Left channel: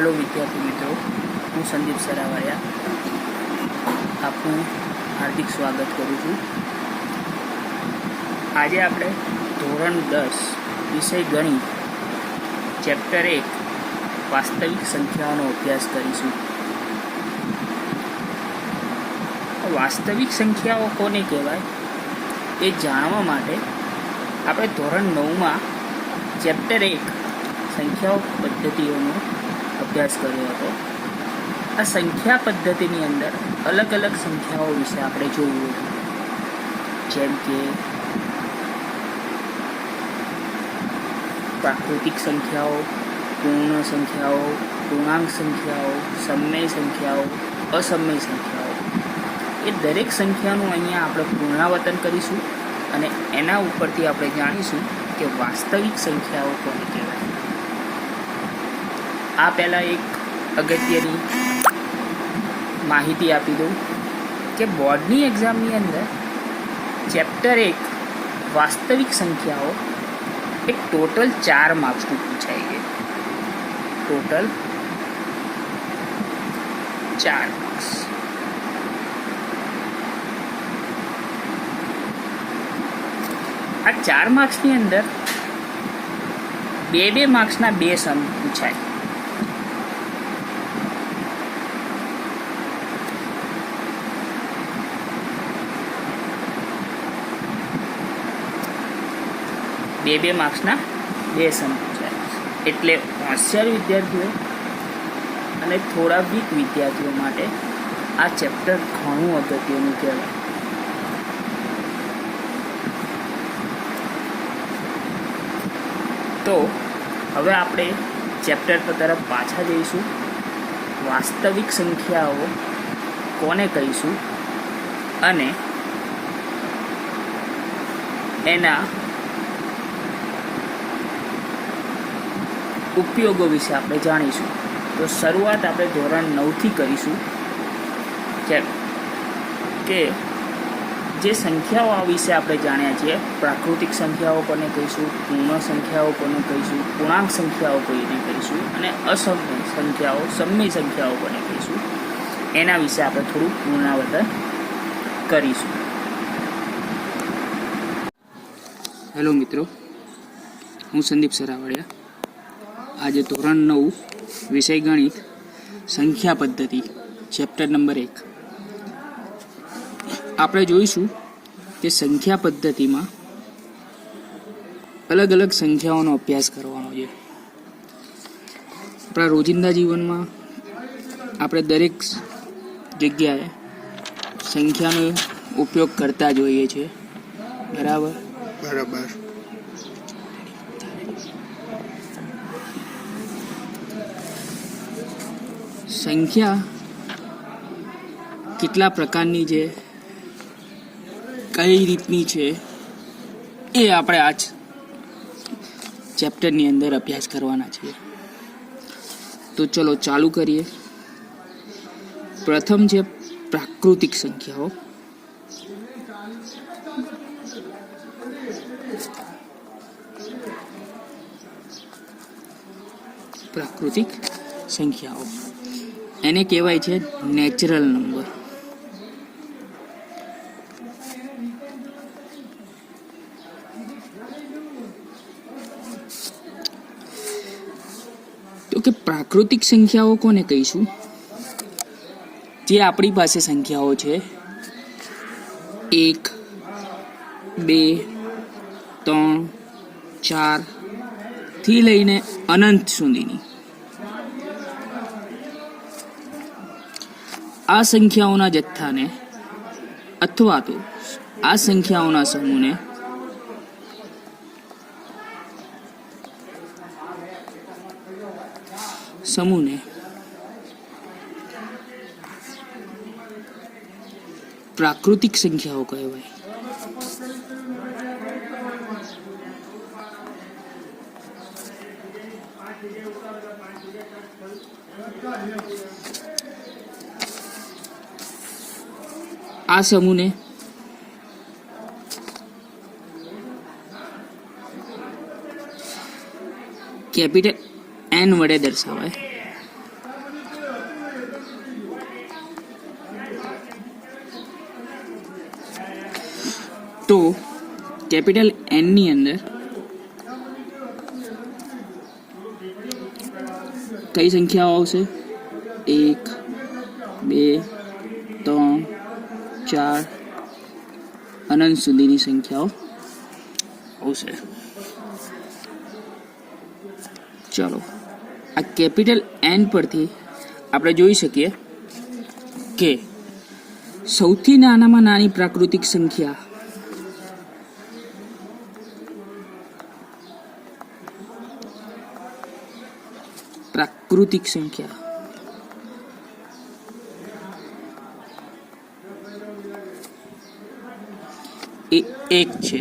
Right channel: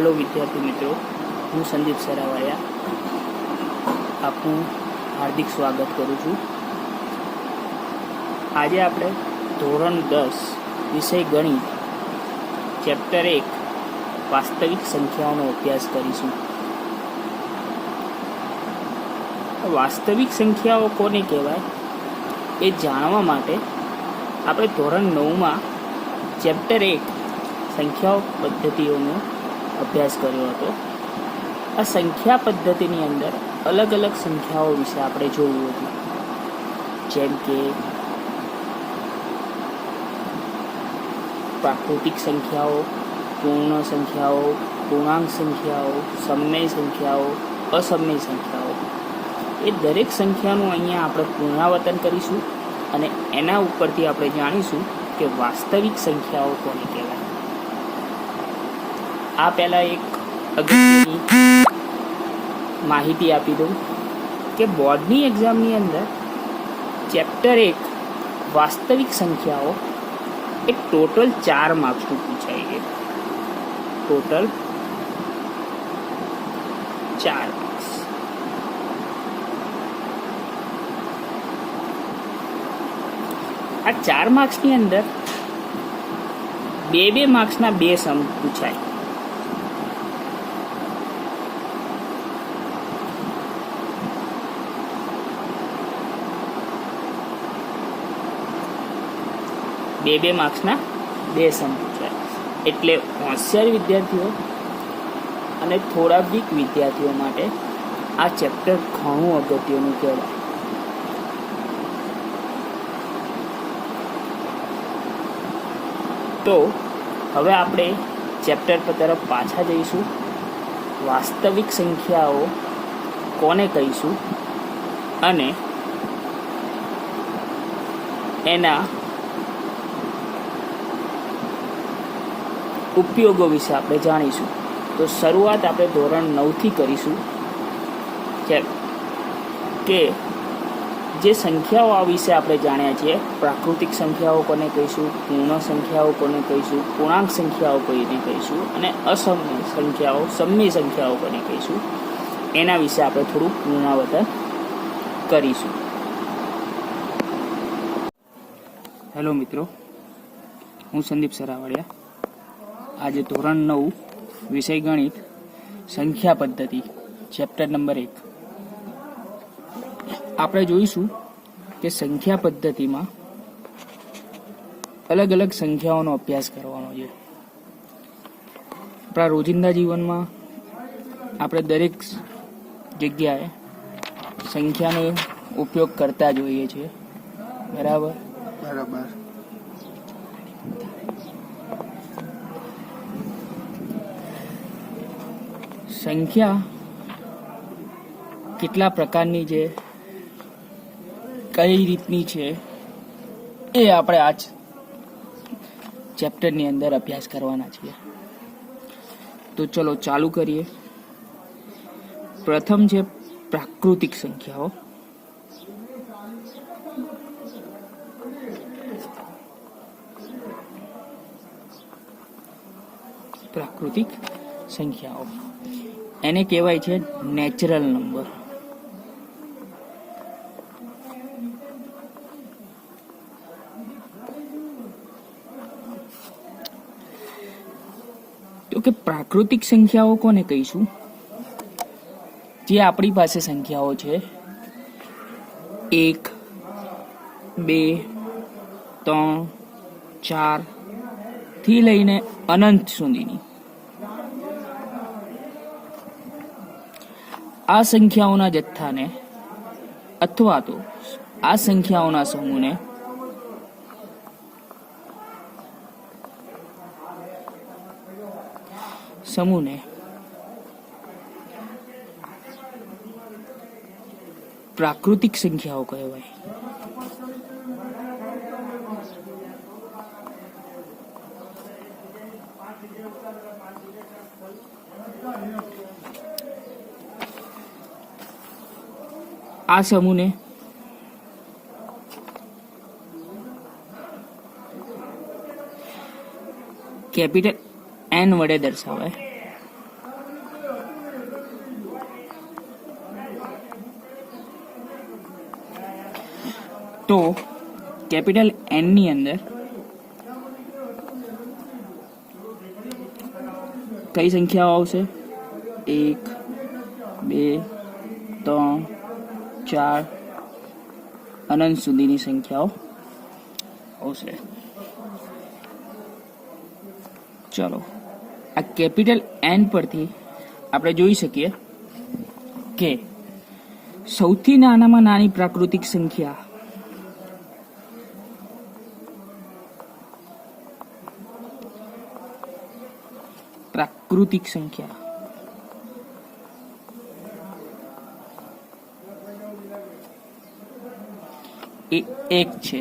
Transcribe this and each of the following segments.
Hello विद्यार्थी मित्रों, हूँ संदीप सरावाया आपનું हार्दिक स्वागत करूँ छूँ। आज આપણે ધોરણ 10 વિષય ગણિત ચેપ્ટર 1 વાસ્તવિક સંખ્યાઓનો અભ્યાસ કરીશું। વાસ્તવિક સંખ્યાઓ કોને કહેવાય એ જાણવા માટે આપણે ધોરણ 9માં ચેપ્ટર 1 સંખ્યાઓ પદ્ધતિઓનો અભ્યાસ કર્યો હતો। આ સંખ્યા પદ્ધતિની અંદર અલગ અલગ સંખ્યાઓ વિશે આપણે જોયું હતું, જેમ કે પ્રાકૃતિક સંખ્યાઓ, પૂર્ણ સંખ્યાઓ, પૂર્ણાંક સંખ્યાઓ, સમય સંખ્યાઓ, અસમય સંખ્યાઓ। એ દરેક સંખ્યાનું અહીંયા આપણે પુનરાવર્તન કરીશું અને એના ઉપરથી આપણે જાણીશું કે વાસ્તવિક સંખ્યાઓ કોને કહેવાય। આ પહેલાં એક અગત્યની માહિતી આપી દઉં કે બોર્ડની એક્ઝામની અંદર ચેપ્ટર 1 વાસ્તવિક સંખ્યાઓ એક ટોટલ 4 માર્ક્સનું પૂછાય છે। Total 4 marks. આ 4 માર્ક્સની અંદર 2 માર્ક્સના 2 સમ પૂછાય। બે માર્ક્સના 2 સમ પૂછાય। એટલે હોશિયાર વિદ્યાર્થીઓ અને થોડા વીક વિદ્યાર્થીઓ માટે આ ચેપ્ટર ઘણું અગત્યનું કહેવાય। તો હવે આપણે ચેપ્ટર તરફ પાછા જઈશું। વાસ્તવિક સંખ્યાઓ કોને કહીશું અને એના ઉપયોગો વિશે આપણે જાણીશું। તો શરૂઆત આપણે ધોરણ 9થી કરીશું કે જે સંખ્યાઓ આ વિશે આપણે જાણ્યા છીએ, પ્રાકૃતિક સંખ્યાઓ કોને કહીશું, પૂર્ણ સંખ્યાઓ કોને કહીશું, પૂર્ણાંક સંખ્યાઓ કોને કહીશું અને અસમય સંખ્યાઓ, સમય સંખ્યાઓ કોને કહીશું, એના વિશે આપણે થોડું પુનરાવર્તન કરીશું। હેલો મિત્રો, હું સંદીપ સરાવળિયા। આજે ધોરણ 9 વિષય ગણિત સંખ્યા પદ્ધતિ ચેપ્ટર નંબર 1 આપણે જોઈશું કે સંખ્યા પદ્ધતિમાં અલગ અલગ સંખ્યાઓનો અભ્યાસ કરવાનો છે। આપણા રોજિંદા જીવનમાં આપણે દરેક જગ્યાએ સંખ્યાનો ઉપયોગ કરતા જોઈએ છીએ, બરાબર? સંખ્યા કેટલા પ્રકારની છે, કઈ રીતની છે, એ આપણે આ ચેપ્ટરની અંદર અભ્યાસ કરવાના છીએ। તો ચલો ચાલુ કરીએ। પ્રથમ છે પ્રાકૃતિક સંખ્યાઓ। પ્રાકૃતિક સંખ્યાઓ એને કહેવાય છે નેચરલ નંબર। તો કે પ્રાકૃતિક સંખ્યાઓ કોને કહીશું? જે આપણી પાસે સંખ્યાઓ છે 1, 2, 3, 4 થી લઈને અનંત સુધીની આ સંખ્યાઓના જથ્થાને અથવા તો આ સંખ્યાઓના સમૂહને પ્રાકૃતિક સંખ્યાઓ કહેવાય। આ સમૂહને કેપિટલ n વડે દર્શાવાય। તો કેપિટલ એનની અંદર કઈ સંખ્યાઓ આવશે? 1, 2, 3, 4 અનંત સુધીની સંખ્યાઓ આવશે. ચલો, આ કેપિટલ એન પરથી આપણે જોઈ શકીએ કે સૌથી નાનામાં નાની પ્રાકૃતિક સંખ્યા એ 1 છે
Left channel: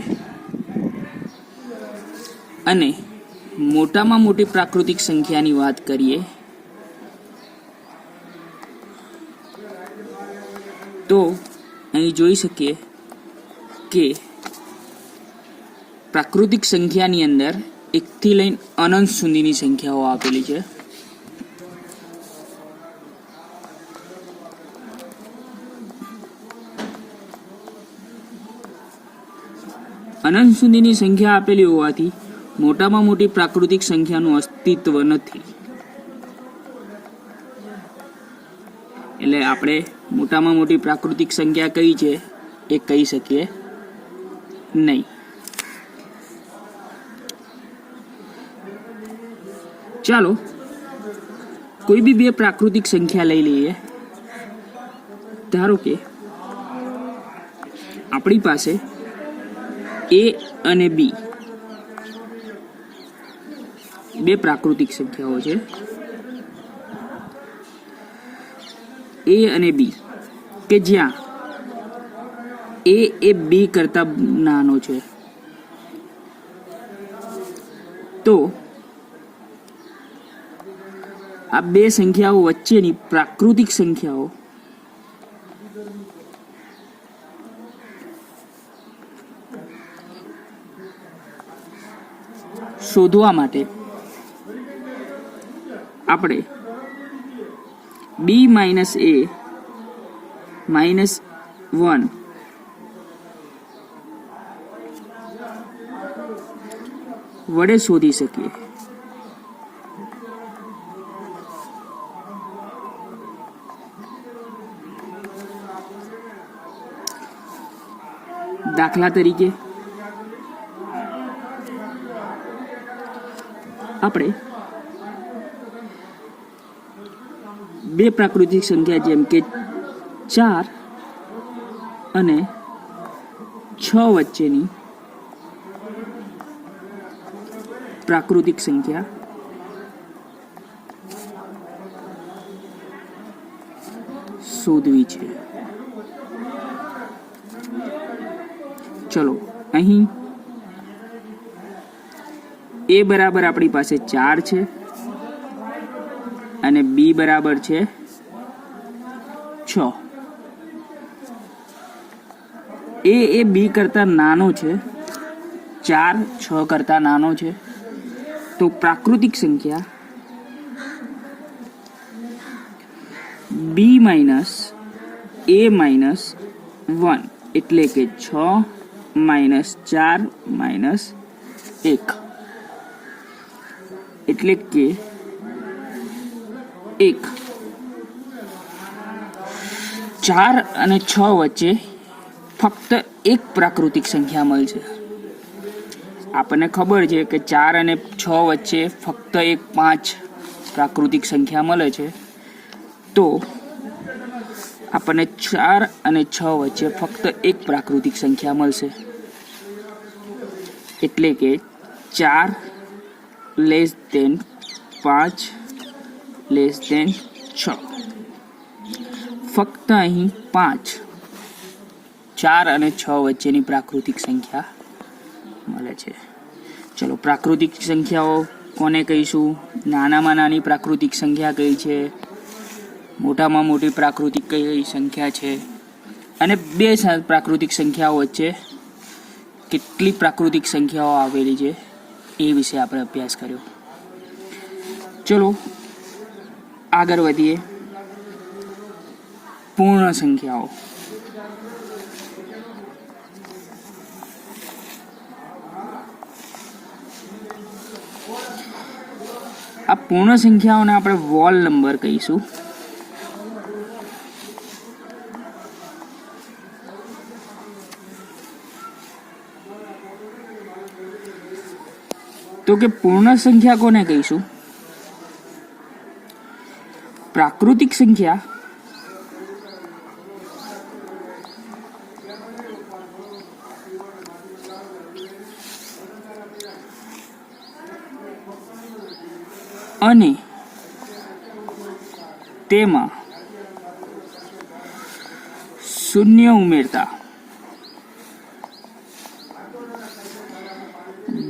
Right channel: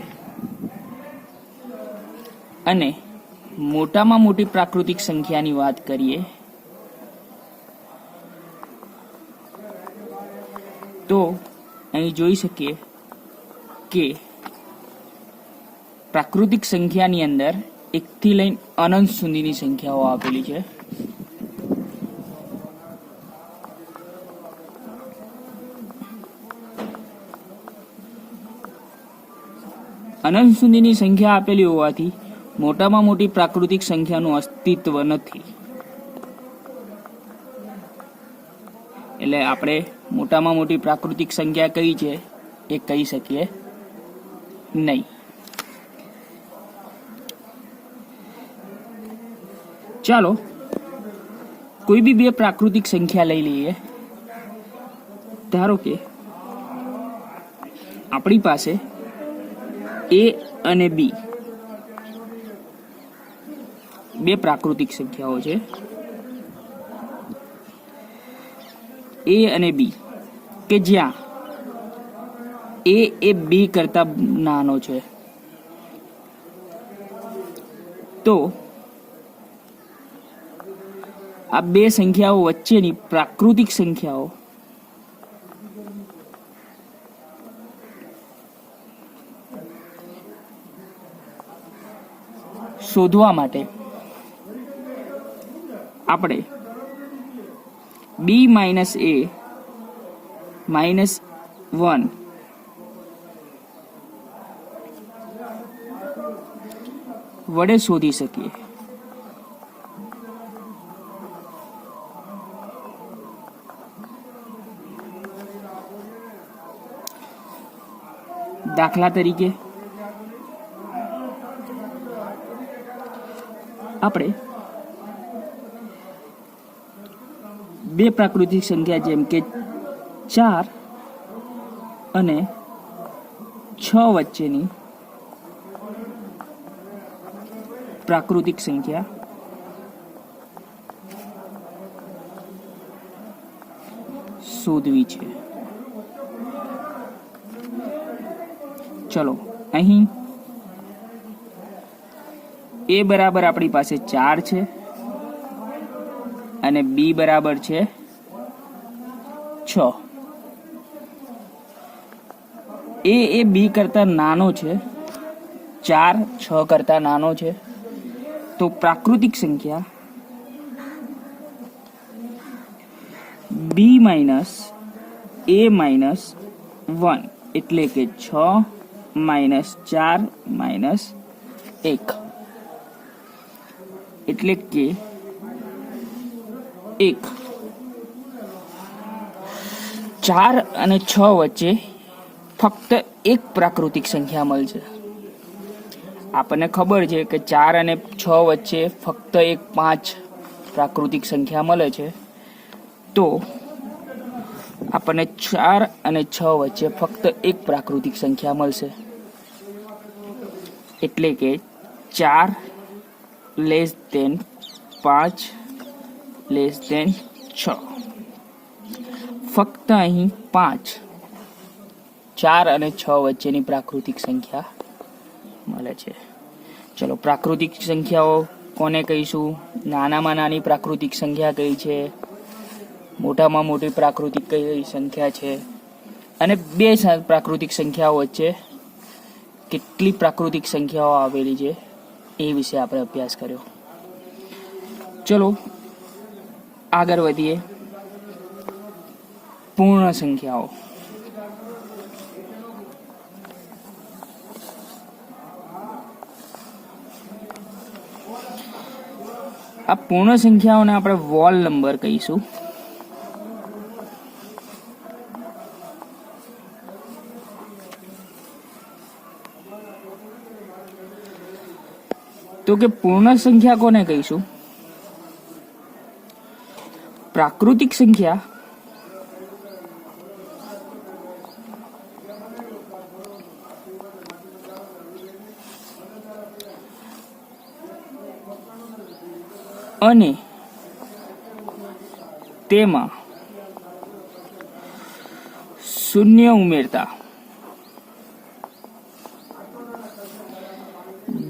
અને મોટામાં મોટી પ્રાકૃતિક સંખ્યાની વાત કરીએ તો અહીં જોઈ શકીએ કે પ્રાકૃતિક સંખ્યાની અંદર 1 થી લઈને અનંત સુધીની સંખ્યાઓ આપેલી છે. અનંત સુધીની સંખ્યા આપેલી હોવાથી મોટામાં મોટી પ્રાકૃતિક સંખ્યાનું અસ્તિત્વ નથી. એટલે આપણે મોટામાં મોટી પ્રાકૃતિક સંખ્યા કઈ છે એ કહી શકીએ નહીં. ચાલો કોઈ બી 2 પ્રાકૃતિક સંખ્યા લઈ લઈએ. ધારો કે આપણી પાસે A અને B 2 પ્રાકૃતિક સંખ્યાઓ છે. A અને B કે જ્યાં A એ B કરતા નાનો છે. તો આ 2 સંખ્યાઓ વચ્ચેની પ્રાકૃતિક સંખ્યાઓ શોધવા માટે આપણે B માઇનસ A માઇનસ 1 વડે શોધી શકીએ. દાખલા તરીકે આપણે 2 પ્રાકૃતિક સંખ્યા જેમ કે 4 અને 6 વચ્ચેની પ્રાકૃતિક સંખ્યા શોધવી છે. ચલો, અહીં A બરાબર આપણી પાસે 4 છે અને B બરાબર છે 6. A એ B કરતા નાનો છે, 4 6 કરતા નાનો છે. તો પ્રાકૃતિક સંખ્યા B માઇનસ A માઇનસ 1 એટલે કે 6 માઇનસ 4 માઇનસ 1 એટલે કે 1. 4 અને 6 વચ્ચે ફક્ત 1 પ્રાકૃતિક સંખ્યા મળશે. આપણને ખબર છે કે 4 અને 6 વચ્ચે ફક્ત 5 પ્રાકૃતિક સંખ્યા મળે છે. તો આપણને 4 અને 6 વચ્ચે ફક્ત 1 પ્રાકૃતિક સંખ્યા મળશે. એટલે કે 4 લેસ દેન 5 લેસ દેન 6. ફક્ત અહીં 5 4 અને 6 વચ્ચેની પ્રાકૃતિક સંખ્યા મળે છે. ચલો, પ્રાકૃતિક સંખ્યાઓ કોને કહીશું? નાનામાં નાની પ્રાકૃતિક સંખ્યા કઈ છે, મોટામાં મોટી પ્રાકૃતિક કઈ સંખ્યા છે, અને 2 પ્રાકૃતિક સંખ્યાઓ વચ્ચે કેટલી પ્રાકૃતિક સંખ્યાઓ આવેલી છે એ વિશે આપણે અભ્યાસ કર્યો. ચલો આગળ વધીએ. પૂર્ણ સંખ્યાઓ. આ પૂર્ણ સંખ્યાઓને આપણે વોલ નંબર કહીશું. તો કે પૂર્ણ સંખ્યા કોને કહીશું? પ્રાકૃતિક સંખ્યા અને તેમાં શૂન્ય ઉમેરતા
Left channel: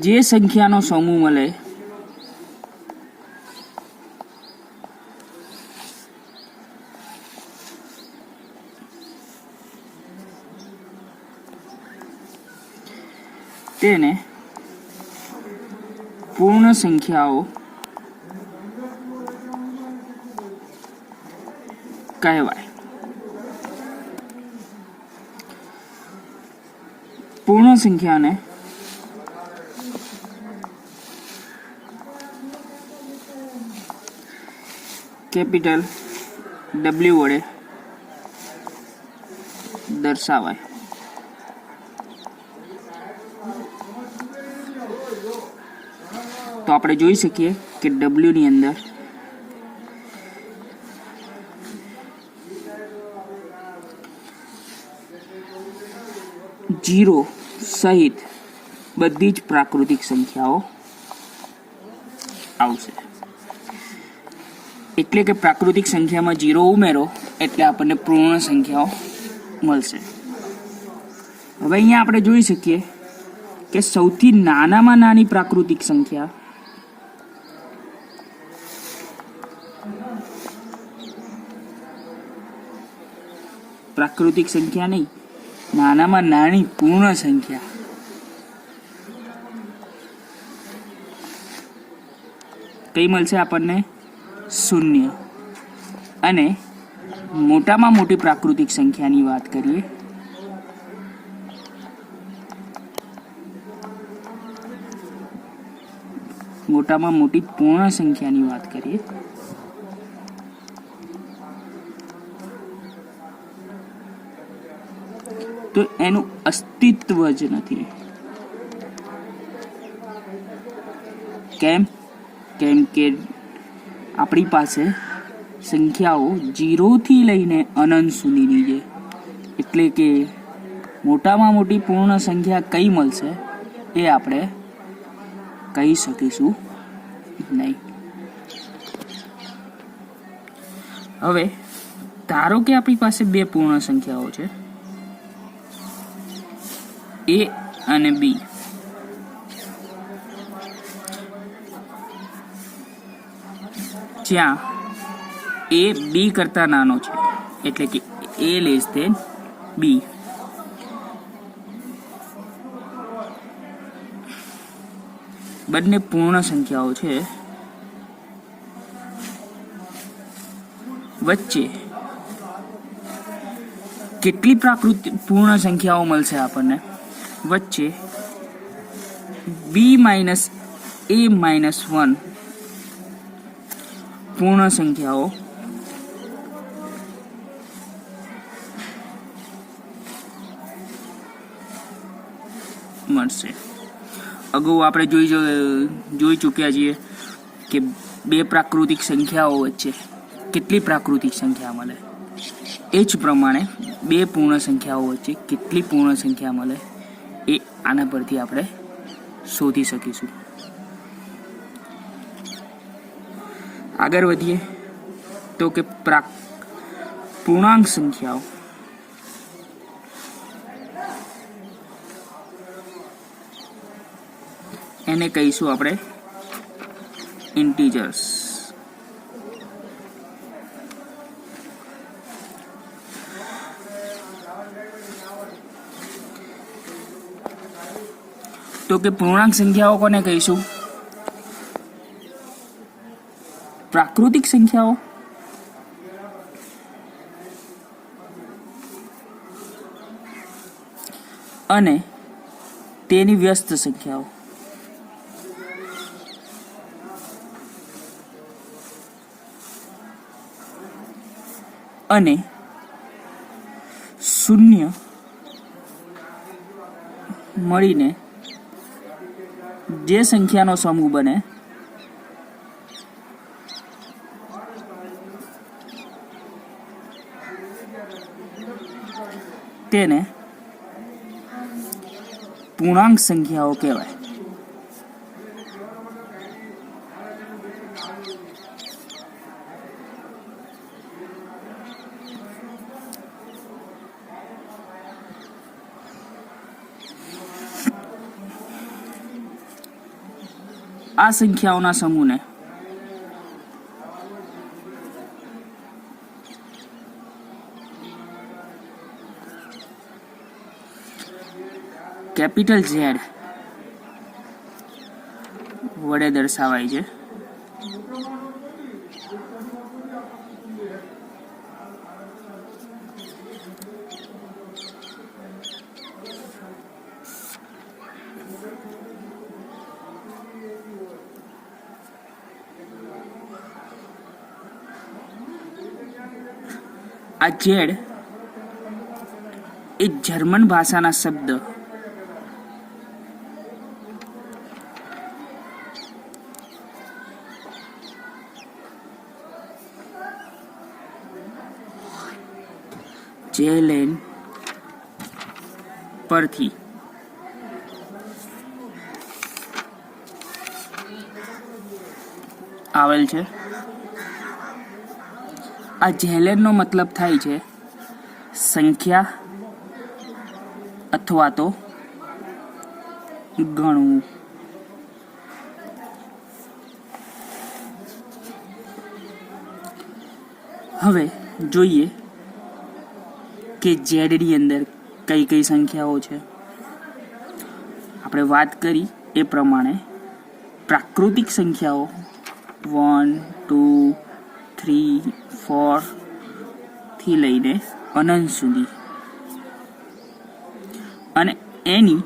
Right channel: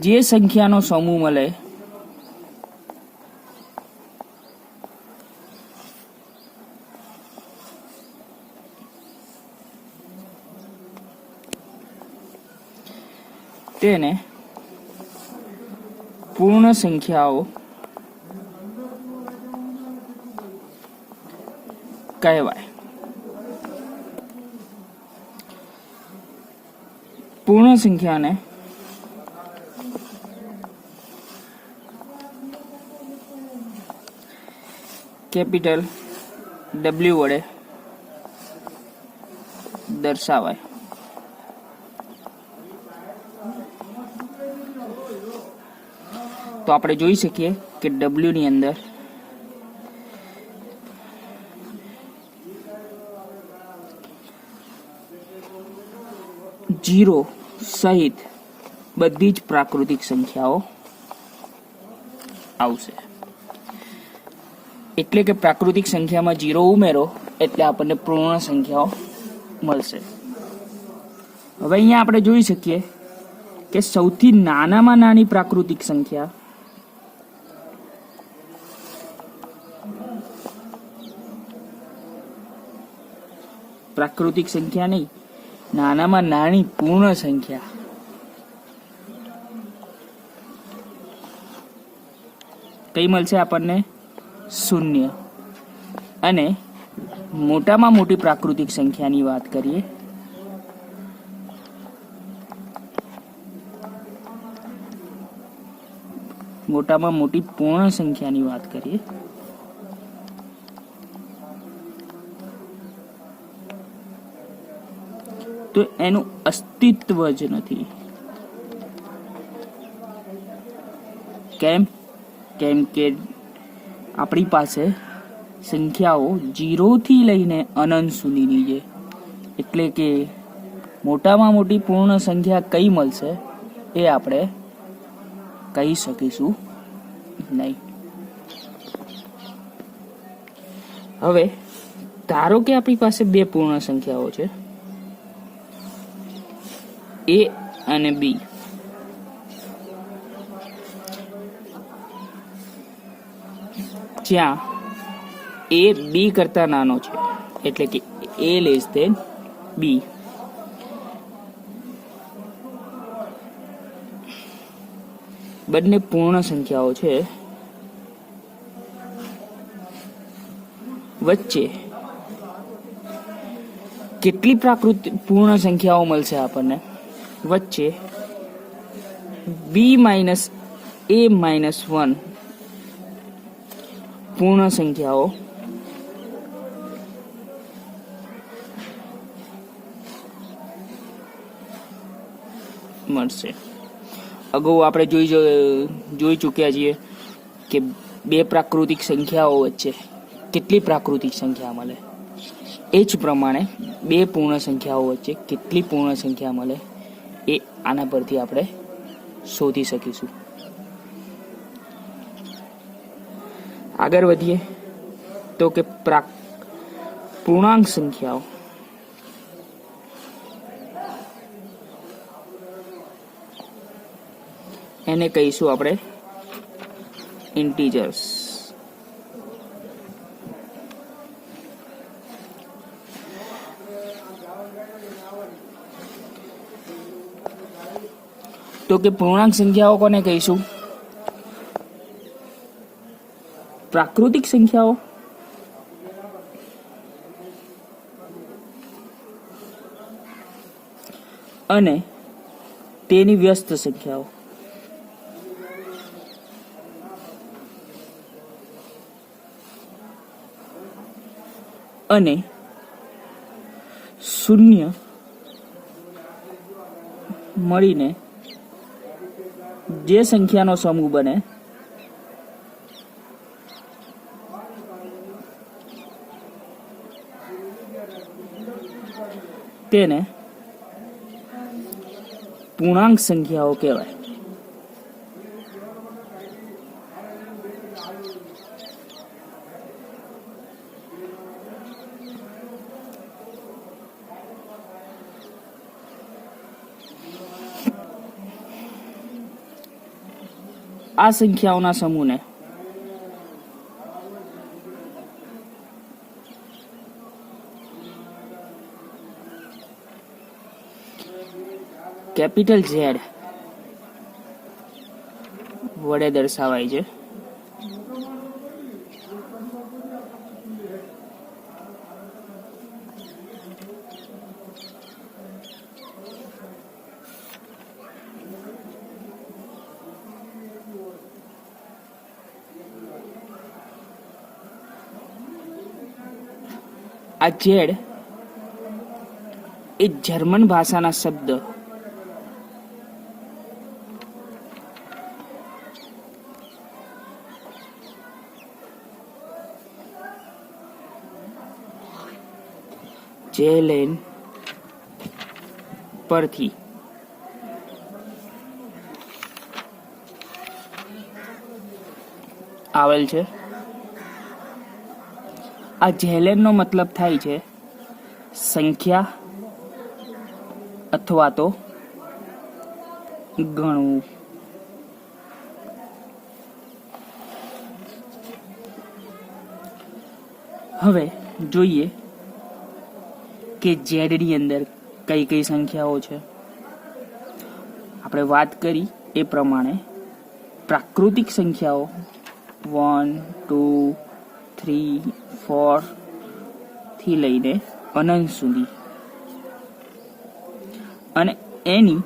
જે સંખ્યાનો સમૂહ મળે તેને પૂર્ણ સંખ્યાઓ કહેવાય. પૂર્ણ સંખ્યાને કેપિટલ W વડે દર્શાવાય. તો આપણે જોઈ શકીએ કે W ની અંદર જીરો સહિત બધી જ પ્રાકૃતિક સંખ્યાઓ આવશે. એટલે કે પ્રાકૃતિક સંખ્યામાં જીરો ઉમેરો એટલે આપણને પૂર્ણ સંખ્યાઓ મળશે. હવે અહીંયા આપણે જોઈ શકીએ કે સૌથી નાનામાં નાની પ્રાકૃતિક સંખ્યા નહીં, નાનામાં નાની પૂર્ણ સંખ્યા કઈ મળશે આપણને? શૂન્ય. અને મોટામાં મોટી પ્રાકૃતિક સંખ્યાની વાત કરીએ મોટામાં મોટી પૂર્ણ સંખ્યાની વાત કરીએ તો એનું અસ્તિત્વ જ નથી. કેમ કે આપણી પાસે સંખ્યાઓ 0 થી લઈને અનંત સુધીની છે. એટલે કે મોટામાં મોટી પૂર્ણ સંખ્યા કઈ મળશે એ આપણે કહી શકીશું નહીં. હવે ધારો કે આપણી પાસે બે પૂર્ણ સંખ્યાઓ છે, A અને B. જ્યાં A B કરતા નાનો છે, એટલે કે A લેસ ધેન B. બંને પૂર્ણ સંખ્યાઓ છે. વચ્ચે કેટલી પૂર્ણ સંખ્યાઓ મળશે આપણને? વચ્ચે B માઇનસ A માઇનસ 1 પૂર્ણ સંખ્યાઓ મળશે. અગાઉ આપણે જોઈ ચૂક્યા છીએ કે બે પ્રાકૃતિક સંખ્યાઓ વચ્ચે કેટલી પ્રાકૃતિક સંખ્યા મળે. એ જ પ્રમાણે બે પૂર્ણ સંખ્યાઓ વચ્ચે કેટલી પૂર્ણ સંખ્યા મળે એ આના પરથી આપણે શોધી શકીશું. આગળ વધીએ તો કે પૂર્ણાંક સંખ્યાઓ એને કહીશું આપણે ઇન્ટીજર્સ. તો કે પૂર્ણાંક સંખ્યાઓ કોને કહીશું? પ્રાકૃતિક સંખ્યાઓ અને તેની વ્યસ્ત સંખ્યાઓ. અને શૂન્ય મળીને જે સંખ્યાનો સમૂહ બને તેને પૂર્ણાંક સંખ્યાઓ કહેવાય. આ સંખ્યાઓના સમૂહને કેપિટલ ઝેડ વડે દર્શાવાય છે. આ ઝેડ એ જર્મન ભાષાના શબ્દ જેલેન પરથી આવેલ છે. આ જેલેનનો મતલબ થાય છે સંખ્યા અથવા તો ગણવું. હવે જોઈએ કે ઝેડની અંદર કઈ કઈ સંખ્યાઓ છે. આપણે વાત કરી એ પ્રમાણે પ્રાકૃતિક સંખ્યાઓ 1, 2, 3, 4 થી લઈને અનંત સુધી અને એની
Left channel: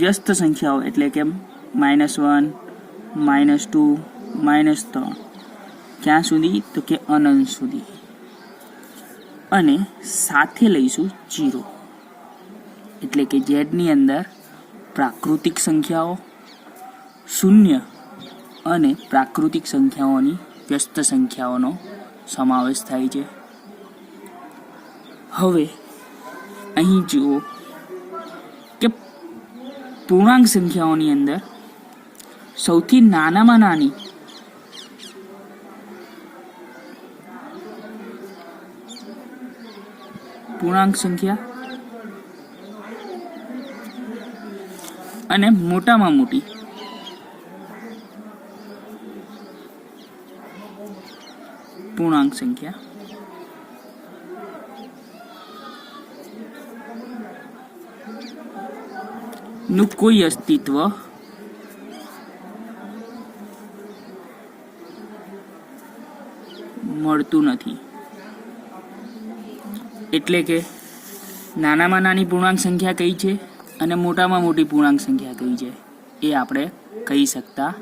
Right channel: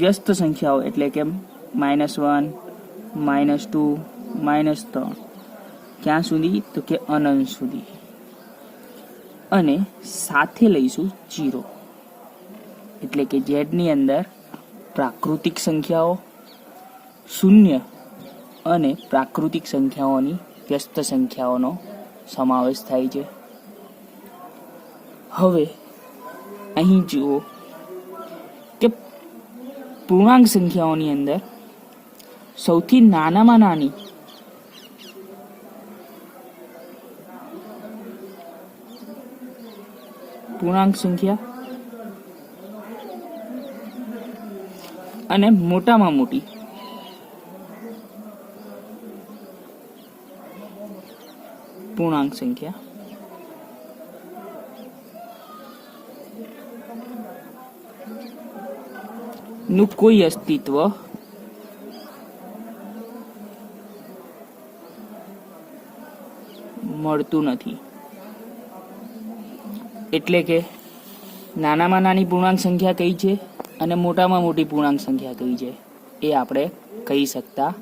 વ્યસ્ત સંખ્યાઓ એટલે કે -1, -2, -3 ક્યાં સુધી તો કે અનંત સુધી અને સાથે લઈશું 0 એટલે કે ઝેડની અંદર પ્રાકૃતિક સંખ્યાઓ, શૂન્ય અને પ્રાકૃતિક સંખ્યાઓની વ્યસ્ત સંખ્યાઓનો સમાવેશ થાય છે. હવે અહીં જુઓ કે પૂર્ણાંક સંખ્યાઓની અંદર સૌથી નાનામાં નાની પૂર્ણાંક સંખ્યા અને મોટામાં મોટી પૂર્ણાંક સંખ્યા નું કોઈ અસ્તિત્વ મળતું નથી. એટલે કે નાનામાં નાની પૂર્ણાંક સંખ્યા કઈ છે અને મોટામાં મોટી પૂર્ણાંક સંખ્યા કઈ છે એ આપણે કહી શકતા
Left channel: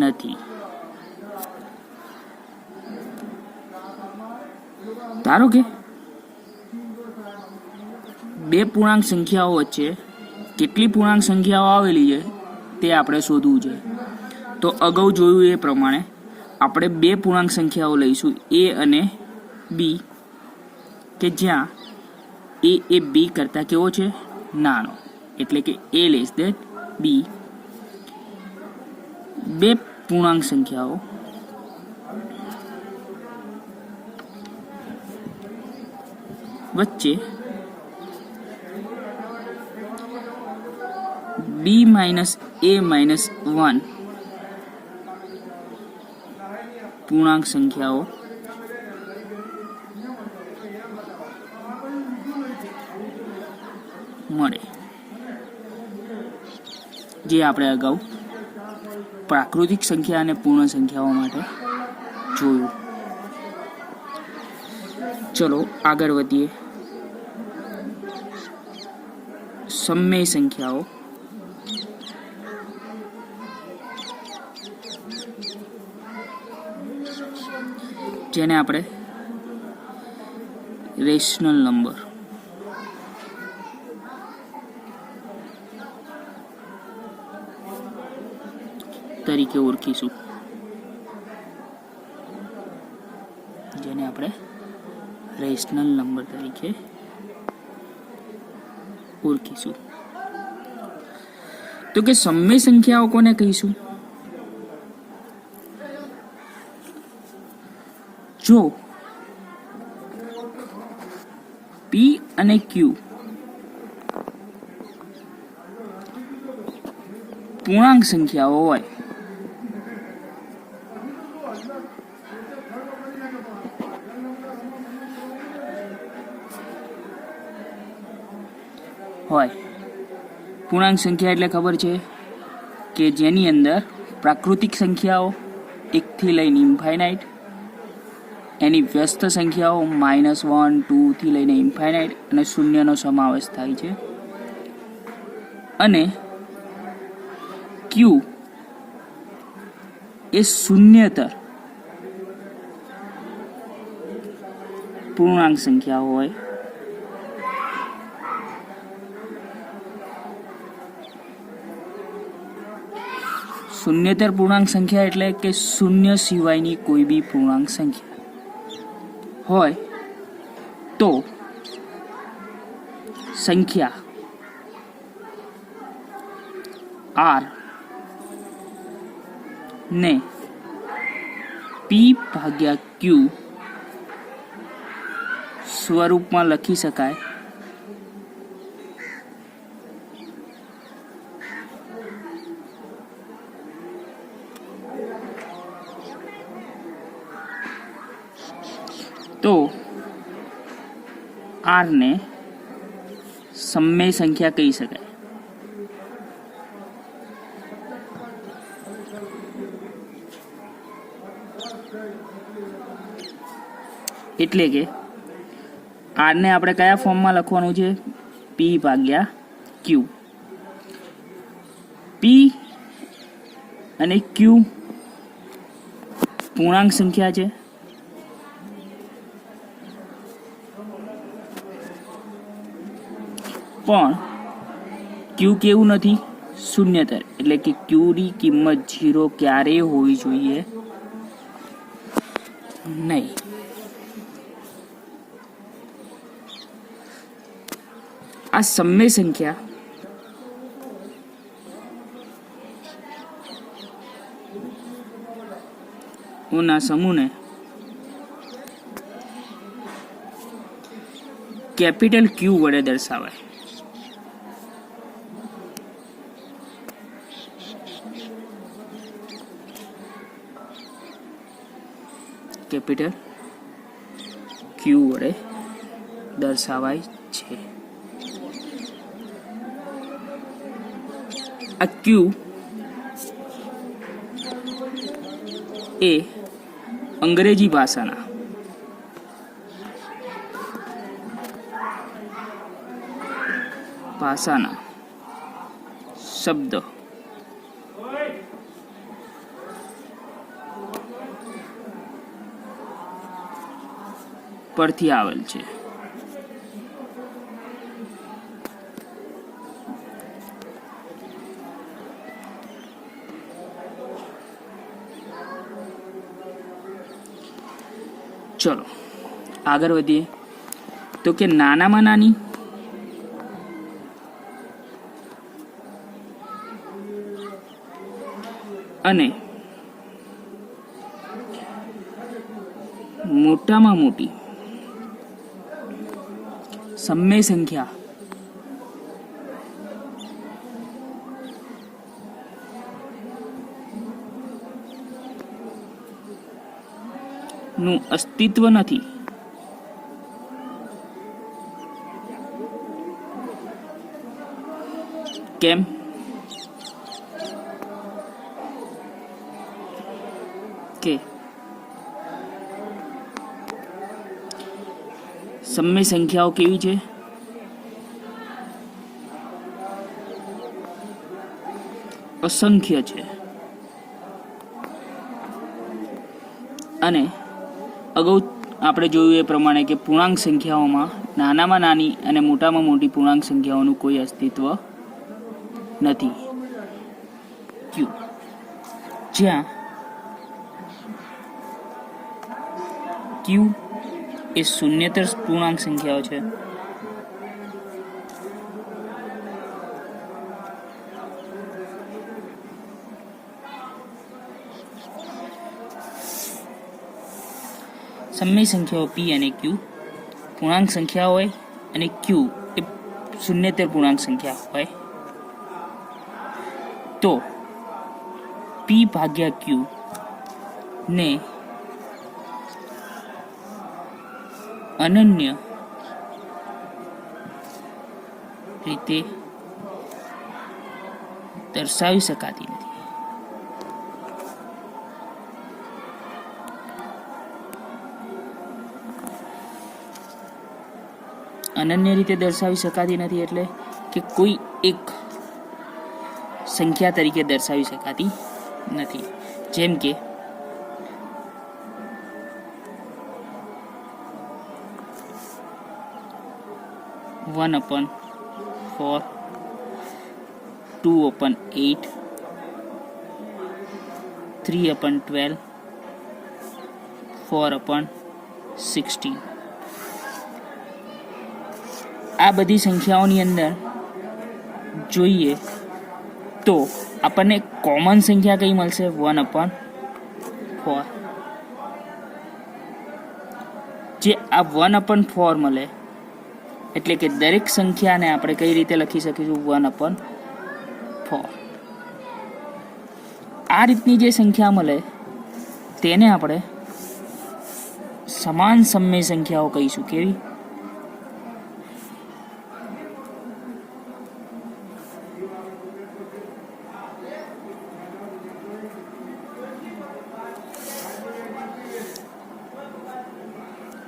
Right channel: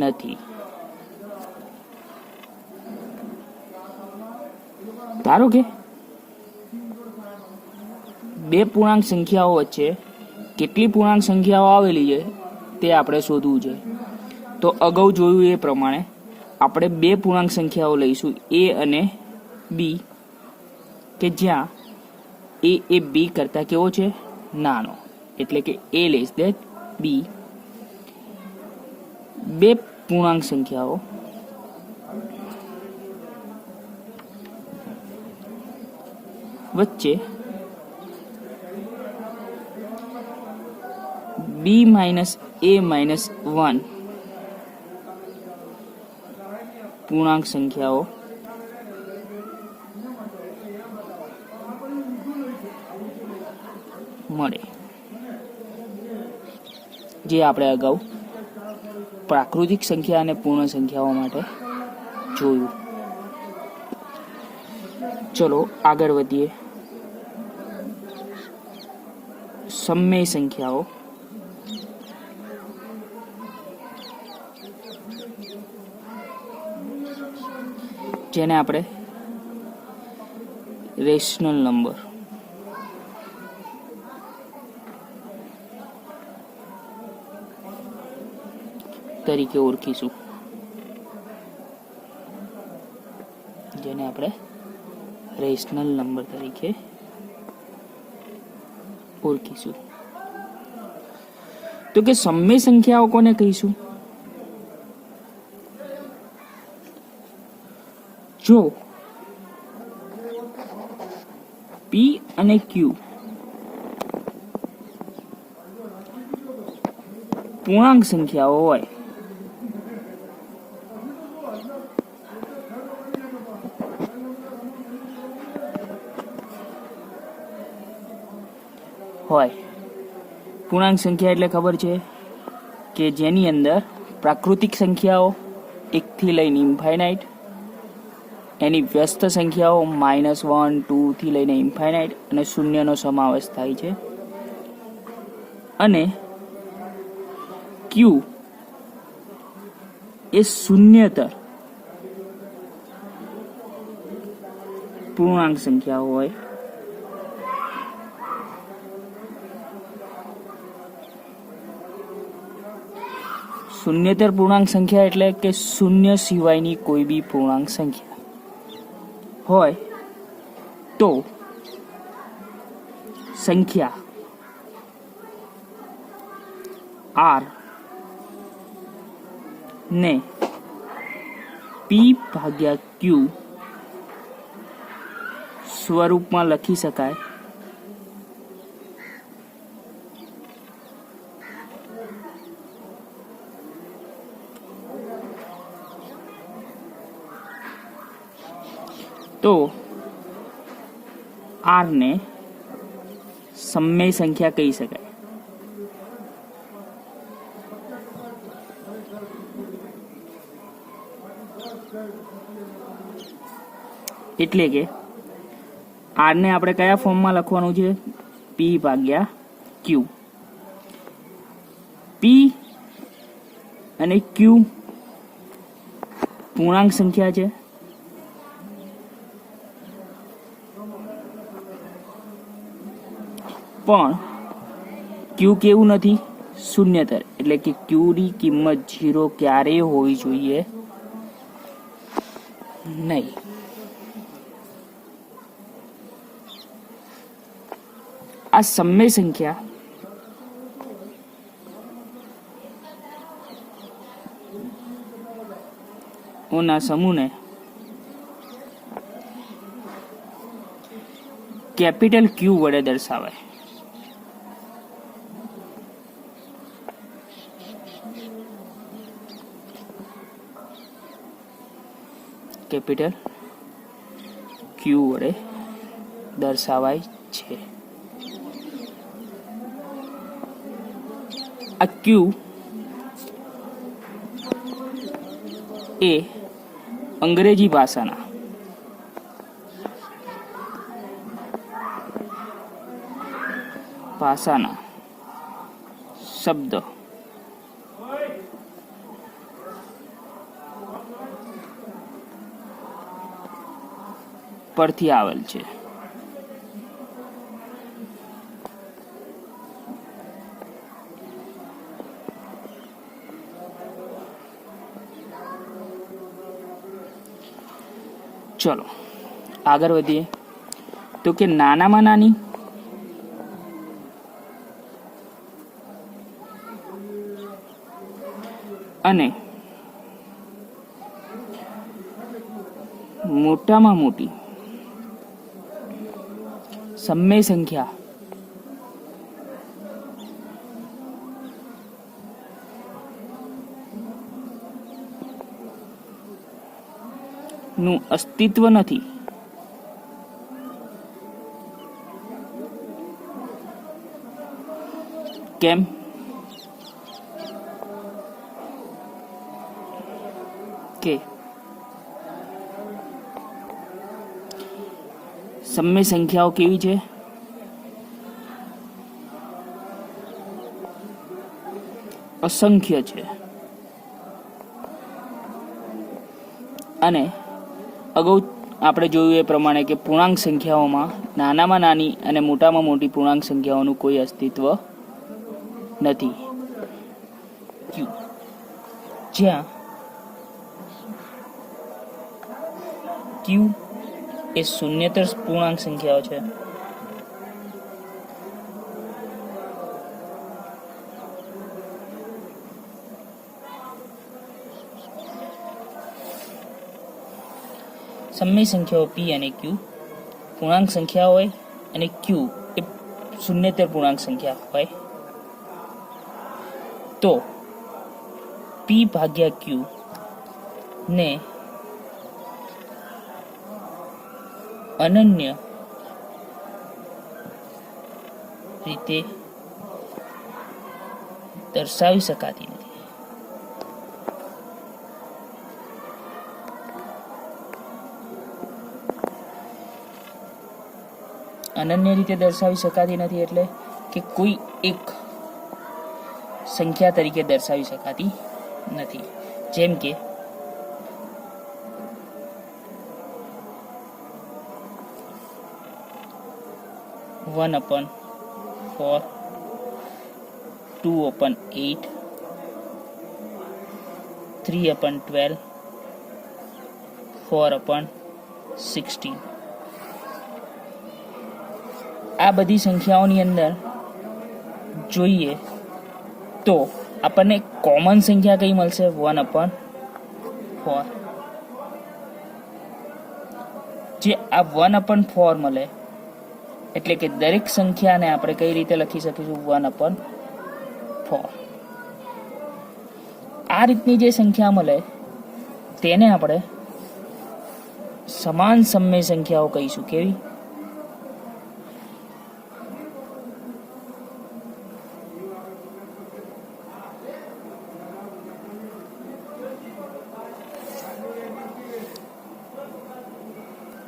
નથી. ધારો કે બે પૂર્ણાંક સંખ્યાઓ વચ્ચે કેટલી પૂર્ણાંક સંખ્યાઓ આવેલી છે તે આપણે શોધવું છે. તો અગાઉ જોયું એ પ્રમાણે આપણે બે પૂર્ણાંક સંખ્યાઓ લઈશું a અને b કે જ્યાં a એ b કરતાં કેવો છે નાનો એટલે કે a લેસ ધેન b. બે પૂર્ણાંક સંખ્યાઓ વચ્ચે b - a - 1 પૂર્ણાંક સંખ્યાઓ મળે, જે આપણે અગાઉ પ્રાકૃતિક સંખ્યા અને પૂર્ણ સંખ્યાઓ માટે જોયું. ચલો આગળ વધીએ. સમય સંખ્યાઓ જેને આપણે રેશનલ નંબર. તરીકે ઓળખીશું, જેને આપણે રેશનલ નંબર તરીકે ઓળખીશું. તો કે સમય સંખ્યાઓ કોને કહીશું? જો P અને Q પૂર્ણાંક સંખ્યાઓ હોય, પૂર્ણાંક સંખ્યા એટલે ખબર છે કે જેની અંદર પ્રાકૃતિક સંખ્યાઓ 1 થી લઈને ઇન્ફાઇનાઇટ, એની વ્યસ્ત સંખ્યાઓ -1, 2 થી લઈને ઇન્ફાઇનાઇટ અને શૂન્યનો સમાવેશ થાય છે. અને Q એ શૂન્યતર પૂર્ણાંક સંખ્યાઓ હોય. શૂન્યતર પૂર્ણાંક સંખ્યા એટલે કે શૂન્ય સિવાયની કોઈ બી પૂર્ણાંક સંખ્યા હોય તો સંખ્યા R ને P/Q સ્વરૂપમાં લખી શકાય. તો R ને સમય સંખ્યા કહી શકાય. એટલે કે R ને આપણે કયા ફોર્મમાં લખવાનું છે? P/Q. P અને Q પૂર્ણાંક સંખ્યા છે, પણ Q કેવું નથી? શૂન્યતર. એટલે કે Q ની કિંમત 0 ક્યારેય હોવી જોઈએ નહીં. આ સમય સંખ્યા ઓના સમૂહને કેપિટલ Q વડે દર્શાવાય. કેપિટલ Q વડે દર્શાવાય છે. આ Q એ અંગ્રેજી ભાષાના શબ્દ પરથી આવેલ છે. ચલો આગળ વધીએ. તો કે નાનામાં નાની અને મોટામાં મોટી સમય સંખ્યા નું અસ્તિત્વ નથી. કેમ? કે સમય સંખ્યાઓ કેવી છે? અસંખ્ય છે. અને આપણે જોયું એ પ્રમાણે કે પૂર્ણાંક સંખ્યાઓમાં નાનામાં નાની અને મોટામાં મોટી પૂર્ણાંક સંખ્યાઓનું કોઈ અસ્તિત્વ નથી. ક્યુ, જ્યાં ક્યુ એ શૂન્યતર પૂર્ણાંક સંખ્યાઓ છે. સમય સંખ્યાઓ પી અને ક્યુ પૂર્ણાંક સંખ્યા હોય અને ક્યુ એ શૂન્યતર પૂર્ણાંક સંખ્યા હોય તો પી ભાગ્યા ક્યુ ને અનન્ય રીતે દર્શાવી શકાતી નથી. અનન્ય રીતે દર્શાવી શકાતી નથી એટલે કે કોઈ એક સંખ્યા તરીકે દર્શાવી શકાતી નથી. જેમ કે 1/4, 2/8, 3/12, 4/16. આ બધી સંખ્યાઓની અંદર જોઈએ તો આપણને કોમન સંખ્યા કઈ મળશે? 1/4. જે આ 1/4 મળે એટલે કે દરેક સંખ્યાને આપણે કઈ રીતે લખી શકીશું? 1/4. આ રીતની જે સંખ્યા મળે તેને આપણે સમાન સમય સંખ્યાઓ કહીશું. કેવી?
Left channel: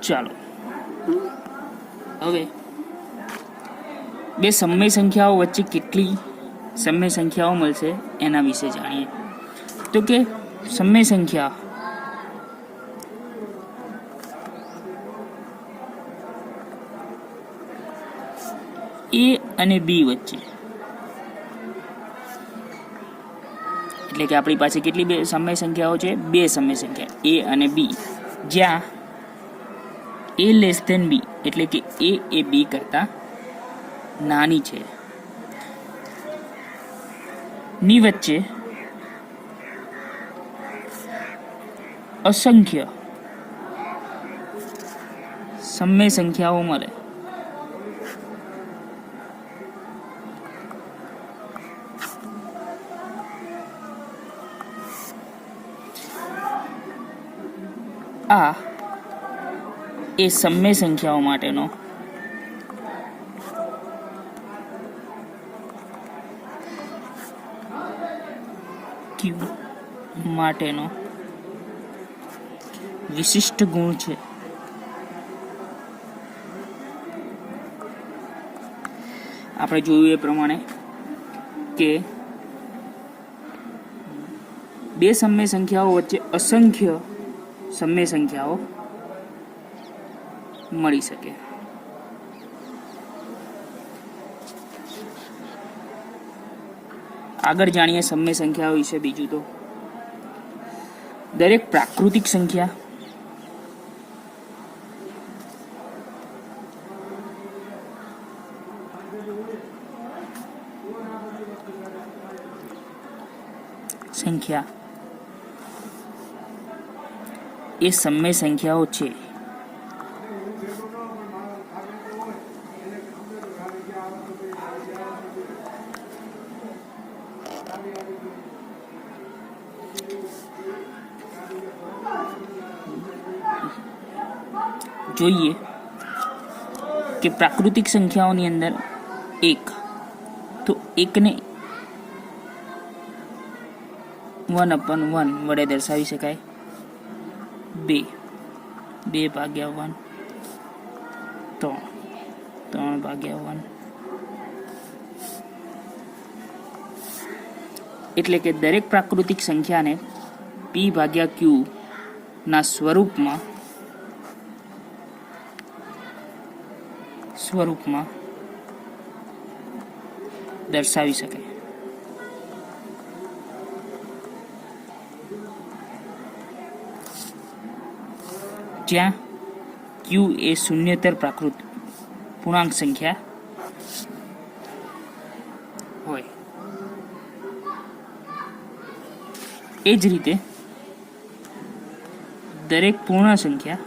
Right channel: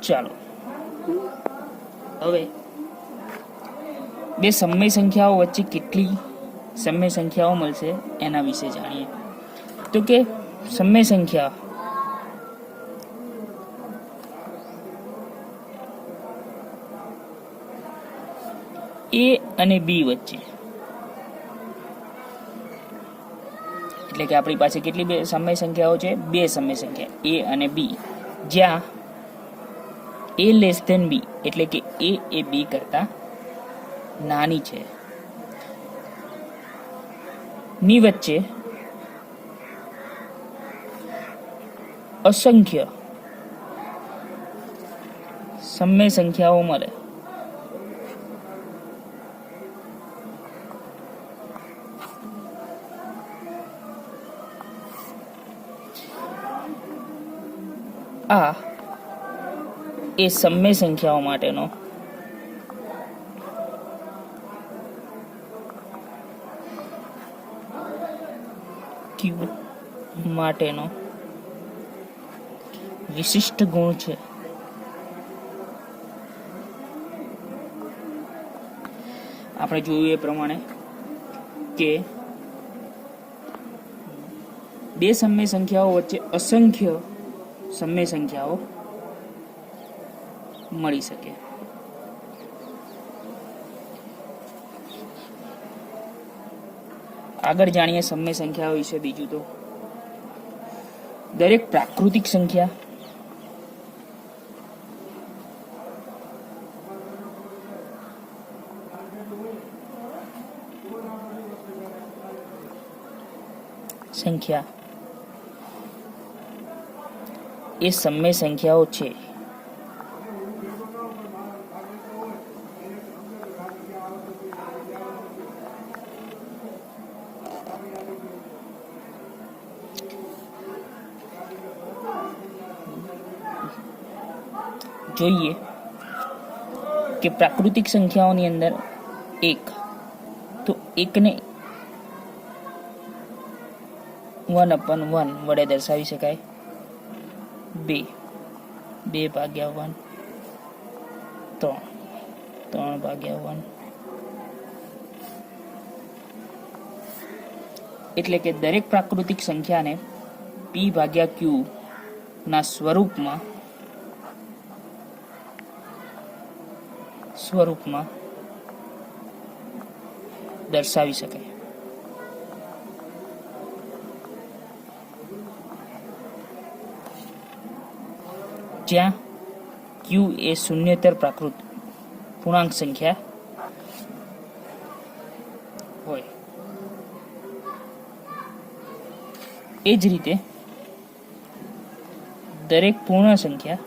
ચાલો હવે બે સમય સંખ્યાઓ વચ્ચે કેટલી સમય સંખ્યાઓ મળશે એના વિશે જાણીએ. તો કે સમય સંખ્યા એ અને બી વચ્ચે, એટલે કે આપણી પાસે કેટલી બે સમય સંખ્યાઓ છે? બે સમય સંખ્યા એ અને બી, જ્યાં a લેસ ધેન બી એટલે કે a એ બી કરતા નાની છે ની વચ્ચે અસંખ્ય સમય સંખ્યાઓ મળે. આ એ સમય સંખ્યાઓ માટેનો ક્યુ માટેનો વિશિષ્ટ ગુણ છે. આપણે જોયું એ પ્રમાણે કે બે સમય સંખ્યાઓ વચ્ચે અસંખ્ય સમય સંખ્યાઓ મળી શકે. આગળ જાણીએ સમય સંખ્યાઓ વિશે. બીજું તો દરેક પ્રાકૃતિક સંખ્યા એ સમય સંખ્યાઓ છે. જોઈએ કે પ્રાકૃતિક સંખ્યાઓની અંદર એક, તો એકને 1/1 વડે દર્શાવી શકાય. 2/1, 3/1, એટલે કે દરેક પ્રાકૃતિક સંખ્યાને p/q ના સ્વરૂપમાં સ્વરૂપમાં દર્શાવી શકાય. જ્યાં ક્યુ એ શૂન્યતર પ્રાકૃત પૂર્ણાંક સંખ્યા હોય. એ જ રીતે દરેક પૂર્ણ સંખ્યા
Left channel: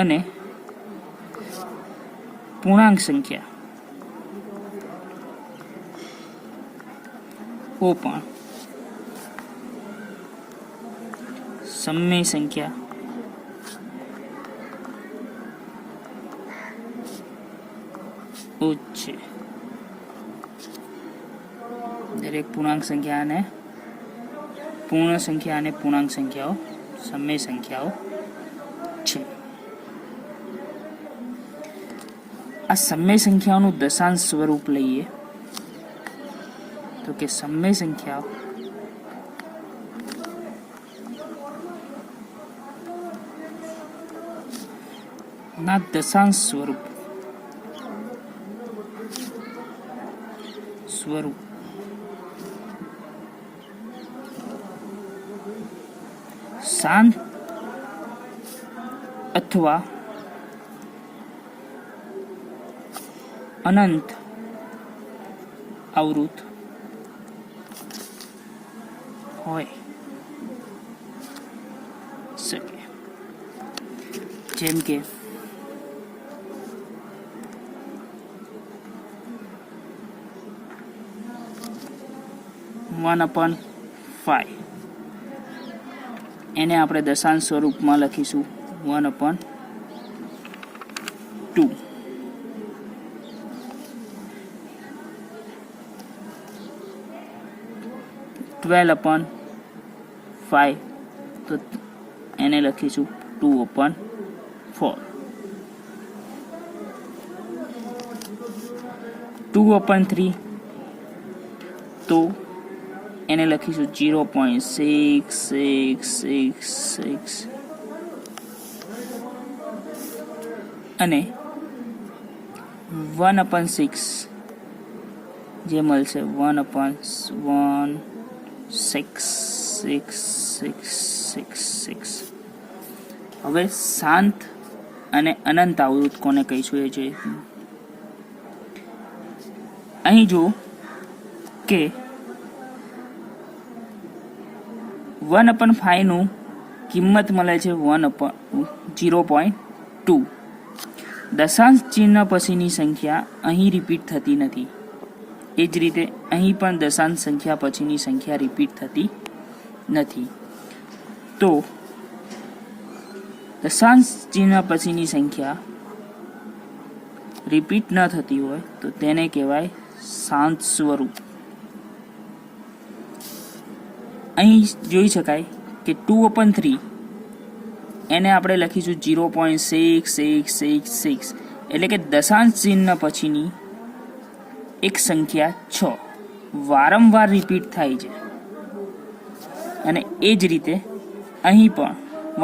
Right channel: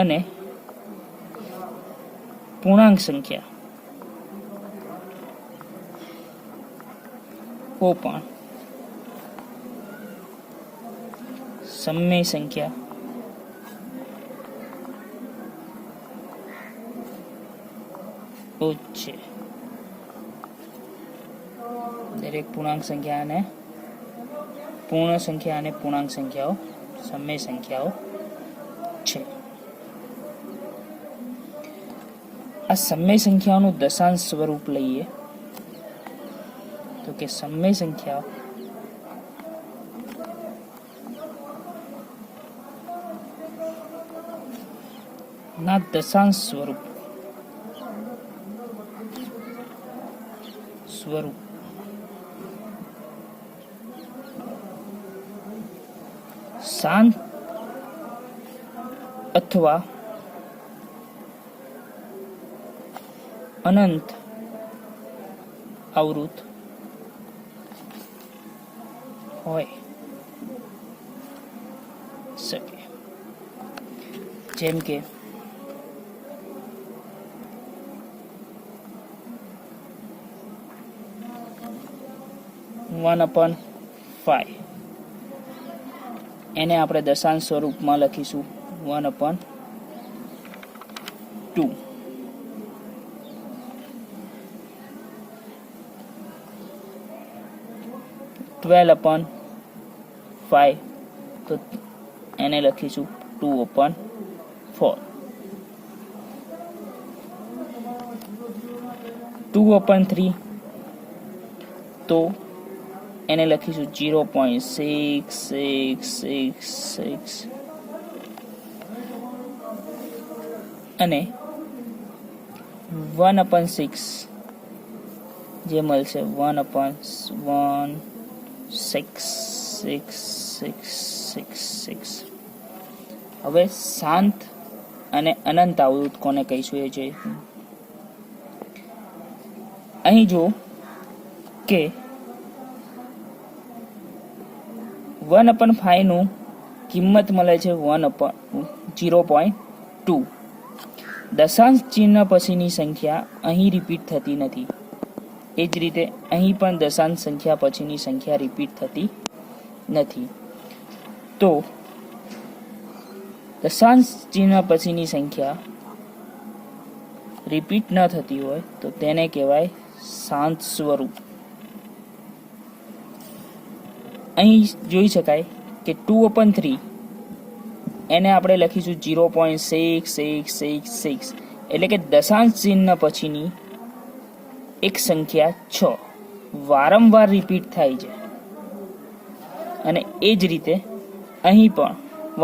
અને પૂર્ણાંક સંખ્યા ઓ પણ સમય સંખ્યા છે. દરેક પૂર્ણાંક સંખ્યા અને પૂર્ણ સંખ્યા અને પૂર્ણાંક સંખ્યાઓ સમય સંખ્યાઓ છે. આ સમય સંખ્યાઓનું દશાંશ સ્વરૂપ લઈએ તો કે સમય સંખ્યાઓ ના દશાંશ સ્વરૂપ શાંત અથવા અનંત આવૃત હોય શકે. જેમ કે 1/5 એને આપણે દશાંશ સ્વરૂપમાં લખીશું 1/2. 12/5 તો એને લખીશું 2/4. 2/3 તો એને લખીશું 0.6666 અને 1/6 જે મળશે 1/16666. હવે શાંત અને અનંત આવૃત કોને કહીશું એ જોઈએ. અહીં જો કે 1/5 નું કિંમત મળે છે 0.2. દશાંશ ચિહ્ન પછીની સંખ્યા અહીં રિપીટ થતી નથી. એ જ રીતે અહીં પણ દશાંશ સંખ્યા પછીની સંખ્યા રિપીટ થતી નથી. તો દશાંશ ચિહ્ન પછીની સંખ્યા રિપીટ ન થતી હોય તો તેને કહેવાય શાંત સ્વરૂપ. અહીં જોઈ શકાય કે 2/3 એને આપણે લખીશું 0.6666 એટલે કે દશાંશ ચિહ્ન પછીની એક સંખ્યા 6 વારંવાર રિપીટ થાય છે. અને એ જ રીતે અહીં પણ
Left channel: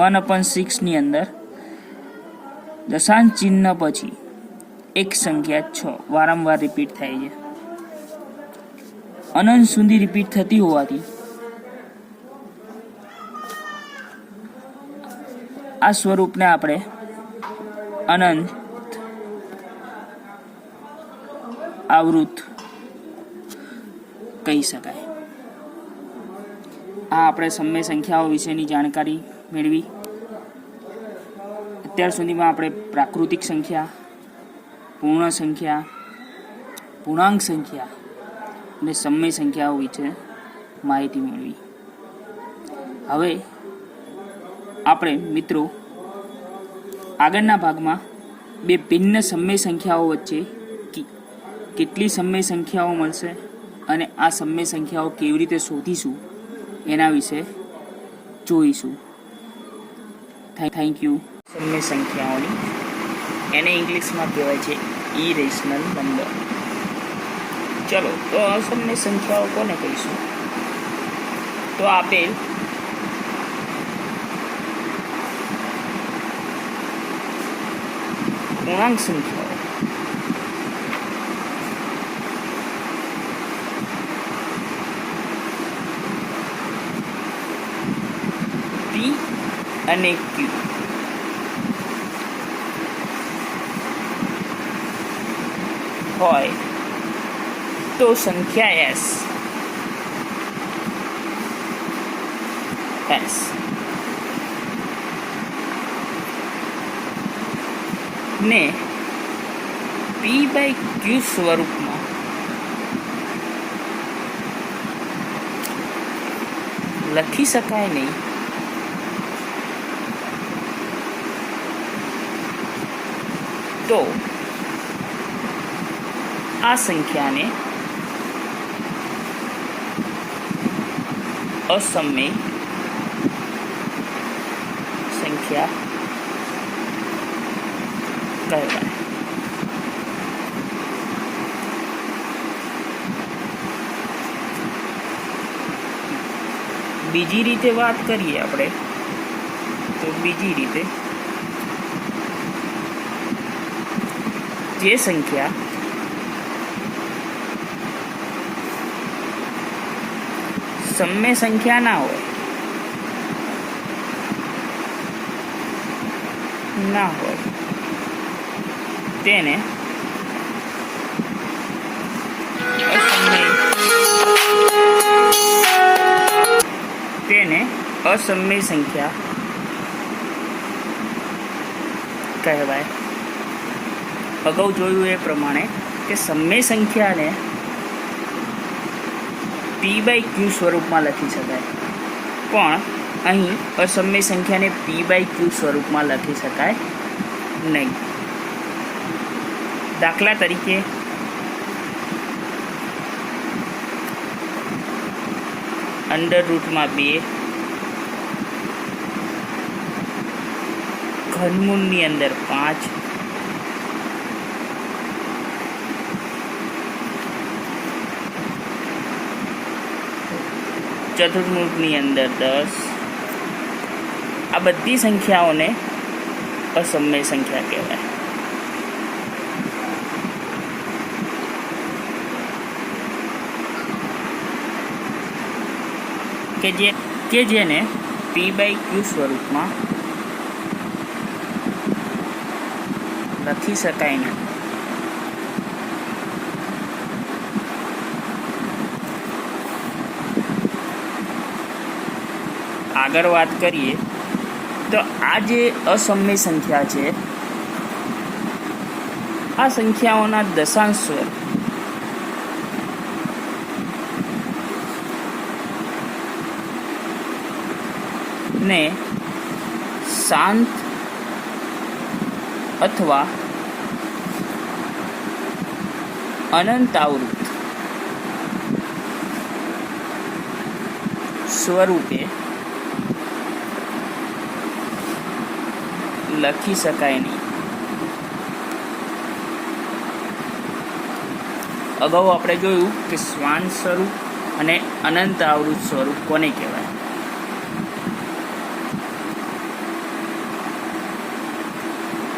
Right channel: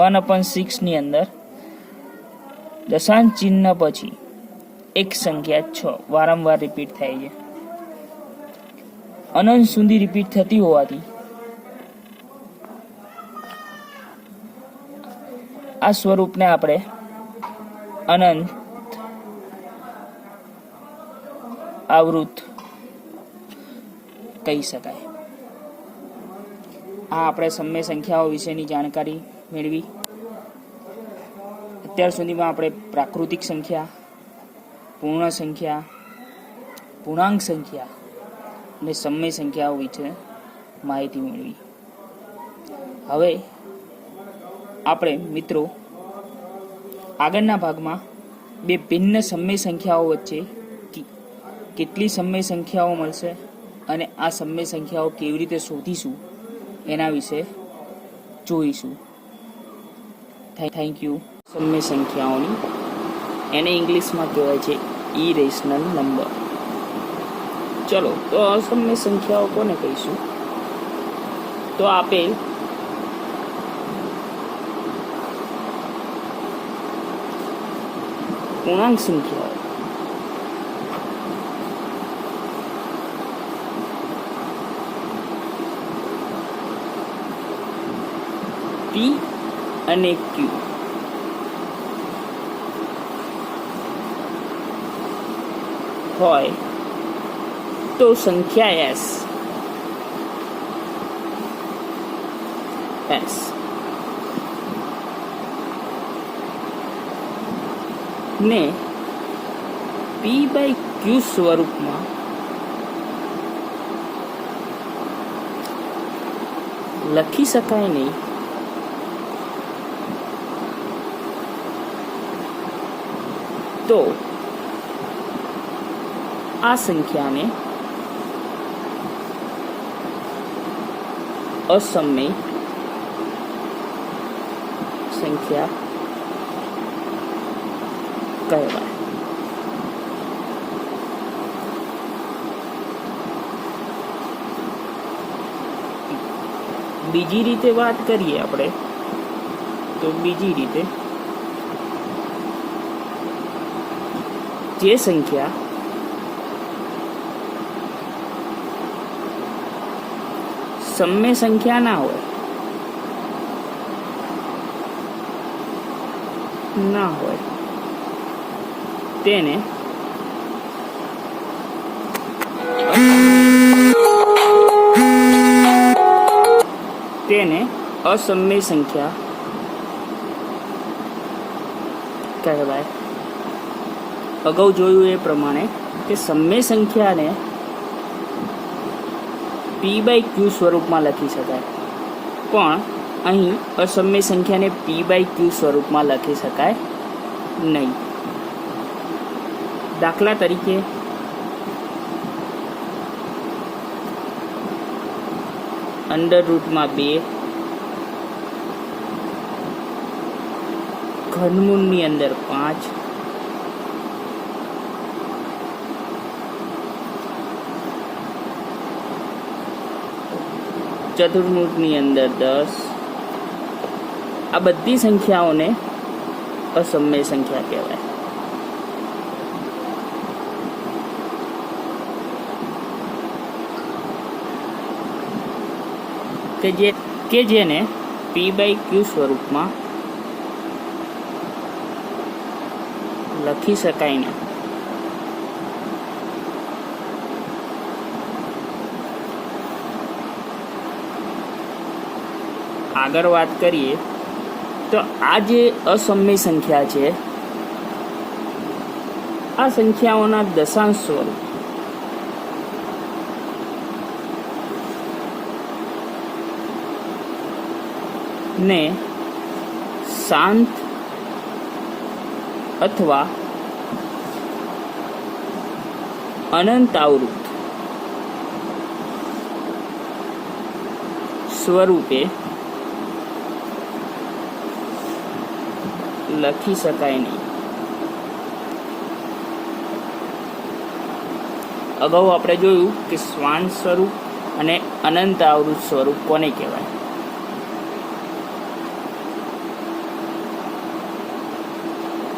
1/6 ની અંદર દશાંશ ચિહ્ન પછી એક સંખ્યા 6 વારંવાર રિપીટ થાય છે. અનંત સુધી રિપીટ થતી હોવાથી આ સ્વરૂપને આપણે અનંત આવૃત કહી શકાય. આ આપણે સમય સંખ્યાઓ વિશેની જાણકારી મેળવી. અત્યાર સુધીમાં આપણે પ્રાકૃતિક સંખ્યા, પૂર્ણ સંખ્યા, પૂર્ણાંક સંખ્યા અને સમય સંખ્યાઓ વિશે માહિતી મેળવી. હવે આપણે મિત્રો આગળના ભાગમાં બે ભિન્ન સમય સંખ્યાઓ વચ્ચે કેટલી સમય સંખ્યાઓ મળશે અને આ સમય સંખ્યાઓ કેવી રીતે શોધીશું એના વિશે જોઈશું. Thank you. સમય સંખ્યાઓની એને ઇંગ્લિશમાં કહેવાય છે ઇરેશનલ નંબર. ચલો તો અસમય સંખ્યાઓ કોને કહીશું? તો આપેલ પૂર્ણાંક સંખ્યાઓ P અને Q હોય તો સંખ્યા S ને P/Q સ્વરૂપમાં લખી શકાય નહીં તો આ સંખ્યાને અસમય સંખ્યા કહેવાય. બીજી રીતે વાત કરીએ આપણે તો બીજી રીતે જે સંખ્યા સમય સંખ્યા ના હોય તેને અસમય સંખ્યા કહેવાય. અગાઉ જોયું એ પ્રમાણે કે સમય સંખ્યાને P/Q સ્વરૂપમાં લખી શકાય, પણ અહીં અસમય સંખ્યાને P/Q સ્વરૂપમાં લખી શકાય નહીં. દાખલા તરીકે √2 ઘનમૂળની અંદર 5 ચતુર્મૂળની અંદર 10 આ બધી સંખ્યાઓને અસમય સંખ્યા કહેવાય. કે જેને P/Q સ્વરૂપમાં લખી શકાય નહીં. આગળ વાત કરીએ તો આ જે અસમય સંખ્યા છે આ સંખ્યાઓના દશાંશ સ્વરૂપ ને શાંત અથવા અનંત આવૃત સ્વરૂપે લખી શકાય નહીં. અગાઉ આપણે જોયું કે શ્વાન સ્વરૂપ અને અનંત આવૃત સ્વરૂપ કોને કહેવાય.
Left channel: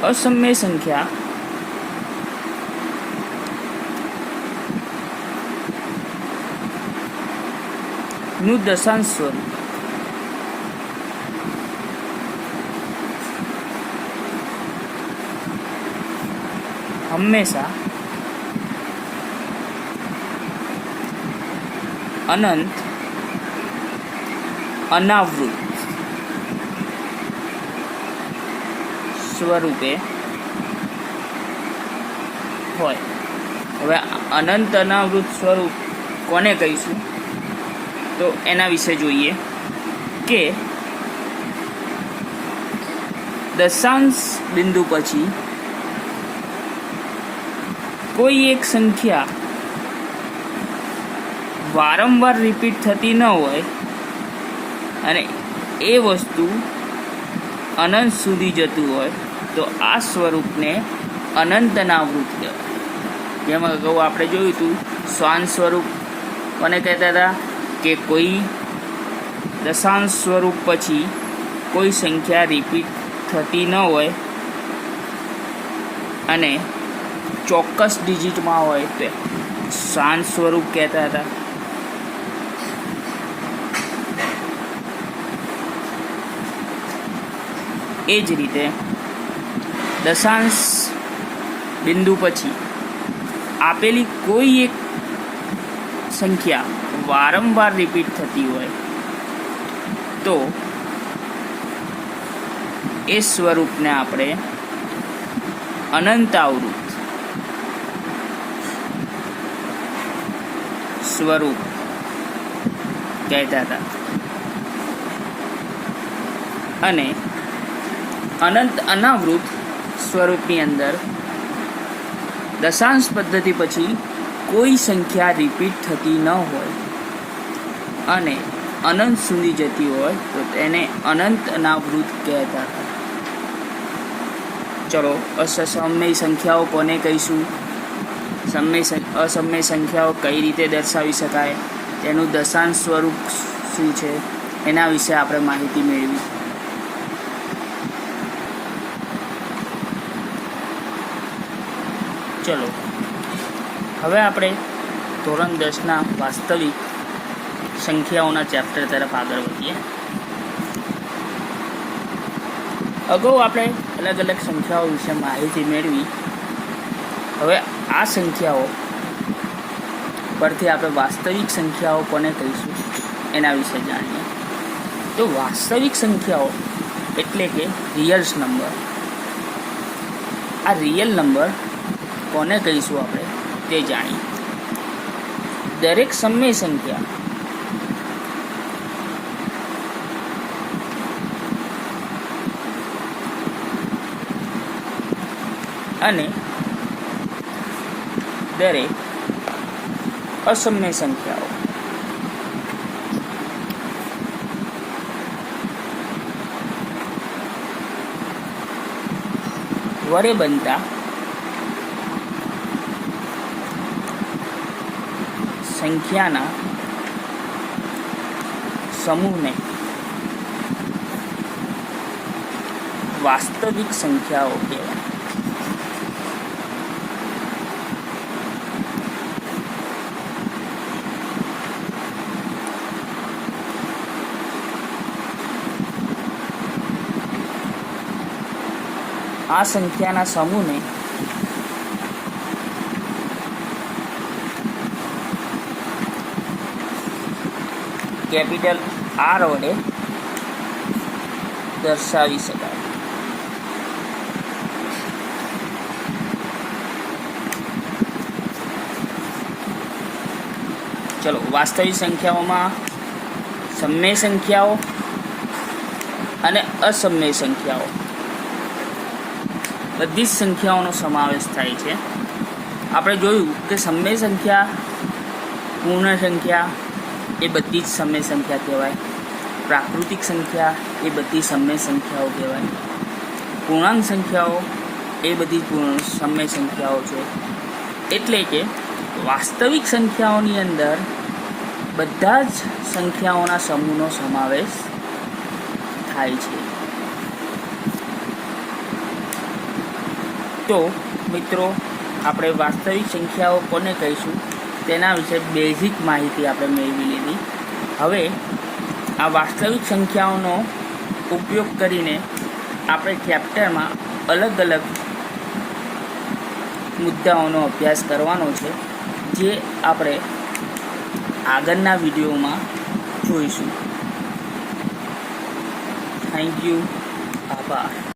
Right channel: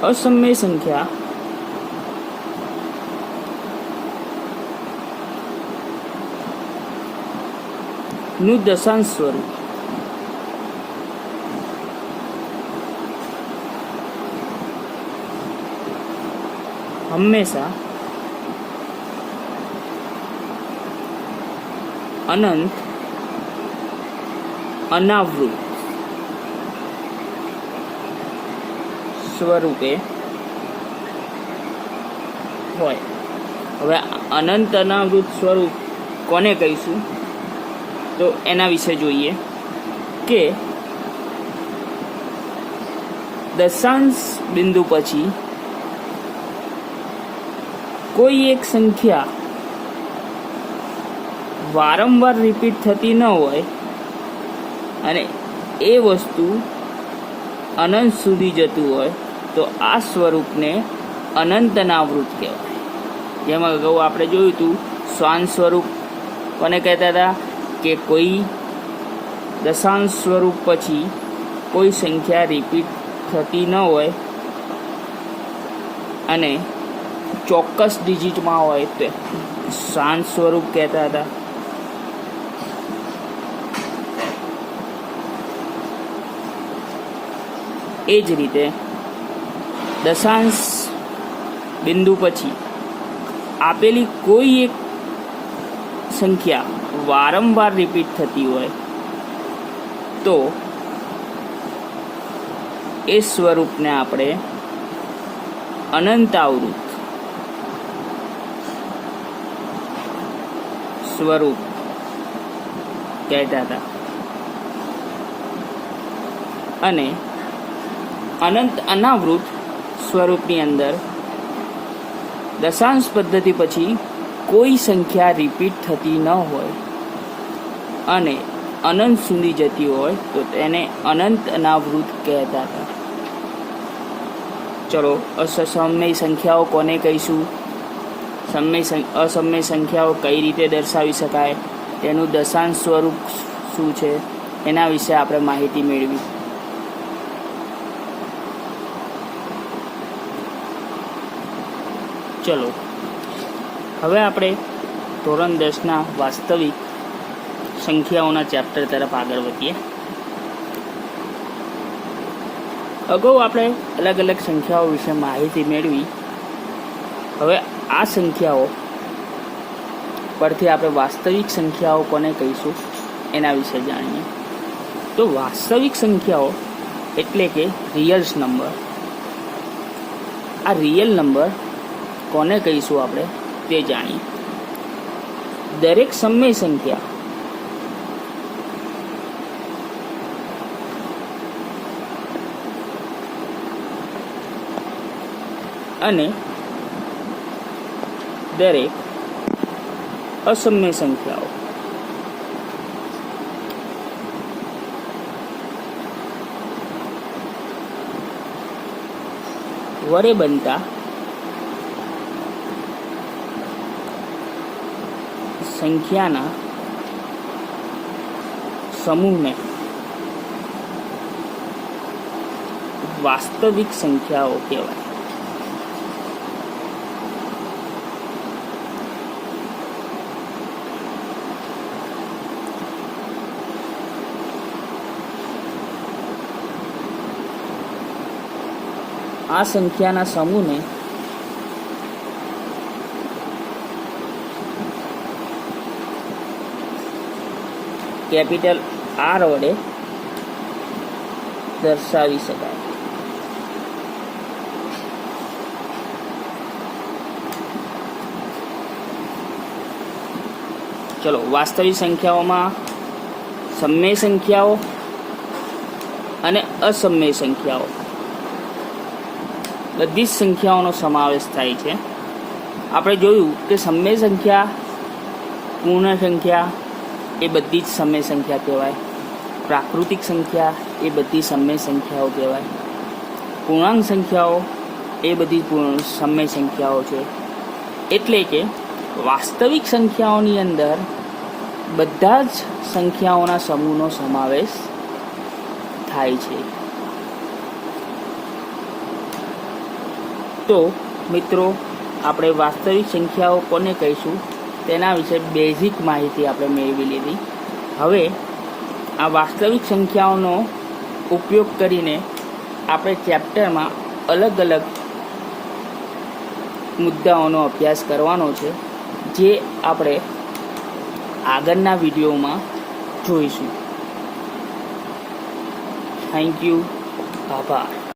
અસમય સંખ્યા નું દશાંશ સ્વરૂપ હંમેશા અનંત અનાવૃત સ્વરૂપે હોય. હવે અનંત અનાવૃત સ્વરૂપ કોને કહીશું તો એના વિશે જોઈએ કે દશાંશ બિંદુ પછી કોઈ એક સંખ્યા વારંવાર રિપીટ થતી ન હોય અને એ વસ્તુ અનંત સુધી જતું હોય તો આ સ્વરૂપને અનંત અનાવૃત કહેવાય. જેમાં અગાઉ આપણે જોયું હતું શ્વાન સ્વરૂપ કોને કહેતા હતા કે કોઈ દશાંશ સ્વરૂપ પછી કોઈ સંખ્યા રિપીટ થતી ન હોય અને ચોક્કસ ડિજિટમાં હોય તો શાંત સ્વરૂપ કહેતા હતા. એ જ રીતે દશાંશ બિંદુ પછી આપેલી કોઈ એક સંખ્યા વારંવાર રિપીટ થતી હોય તો એ સ્વરૂપને આપણે અનંતાવૃત સ્વરૂપ કહેતા હતા. અને અનંત અનાવૃત સ્વરૂપની અંદર દશાંશ પદ્ધતિ પછી કોઈ સંખ્યા રિપીટ થતી ન હોય અને અનંત સુધી જતી હોય તો તેને અનંત અનાવૃત કહેતા હતા. ચલો અસમય સંખ્યાઓ કોને કહીશું, અસમય સંખ્યાઓ કઈ રીતે દર્શાવી શકાય, તેનું દશાંશ સ્વરૂપ શું છે, એના વિશે આપણે માહિતી મેળવી. ચલો હવે આપણે ધોરણ 10ના વાસ્તવિક સંખ્યાઓના ચેપ્ટર તરફ આગળ વધીએ. અગાઉ આપણે અલગ અલગ સંખ્યાઓ વિશે માહિતી મેળવી. હવે આ સંખ્યાઓ પરથી આપણે વાસ્તવિક સંખ્યાઓ કોને કહીશું એના વિશે જાણીએ. તો વાસ્તવિક સંખ્યાઓ એટલે કે રિયલ્સ નંબર. આ રિયલ નંબર કોને કહીશું આપણે તે જાણીએ. દરેક સમય સંખ્યા અને દરેક અસમય સંખ્યાઓ વડે બનતા સંખ્યાના સમૂહને વાસ્તવિક સંખ્યાઓ કહેવાય. આ સંખ્યાના સમૂહને કેપિટલ આર વડે દર્શાવી શકાય. ચલો વાસ્તવિક સંખ્યાઓમાં સમય સંખ્યાઓ અને અસમય સંખ્યાઓ બધી જ સંખ્યાઓનો સમાવેશ થાય છે. આપણે જોયું કે સમય સંખ્યા, પૂર્ણ સંખ્યા એ બધી જ સમય સંખ્યા કહેવાય. પ્રાકૃતિક સંખ્યા એ બધી સમય સંખ્યાઓ કહેવાય. પૂર્ણાંક સંખ્યાઓ એ બધી સમય સંખ્યાઓ છે. એટલે કે વાસ્તવિક સંખ્યાઓની અંદર બધા જ સંખ્યાઓના સમૂહનો સમાવેશ થાય છે. તો મિત્રો આપણે વાસ્તવિક સંખ્યાઓ કોને કહીશું તેના વિશે બેઝિક માહિતી આપણે મેળવી લીધી. હવે આ વાસ્તવિક સંખ્યાઓનો ઉપયોગ કરીને આપણે ચેપ્ટરમાં અલગ અલગ મુદ્દાઓનો અભ્યાસ કરવાનો છે, જે આપણે આગળના વિડીયોમાં જોઈશું. Thank you. આભાર.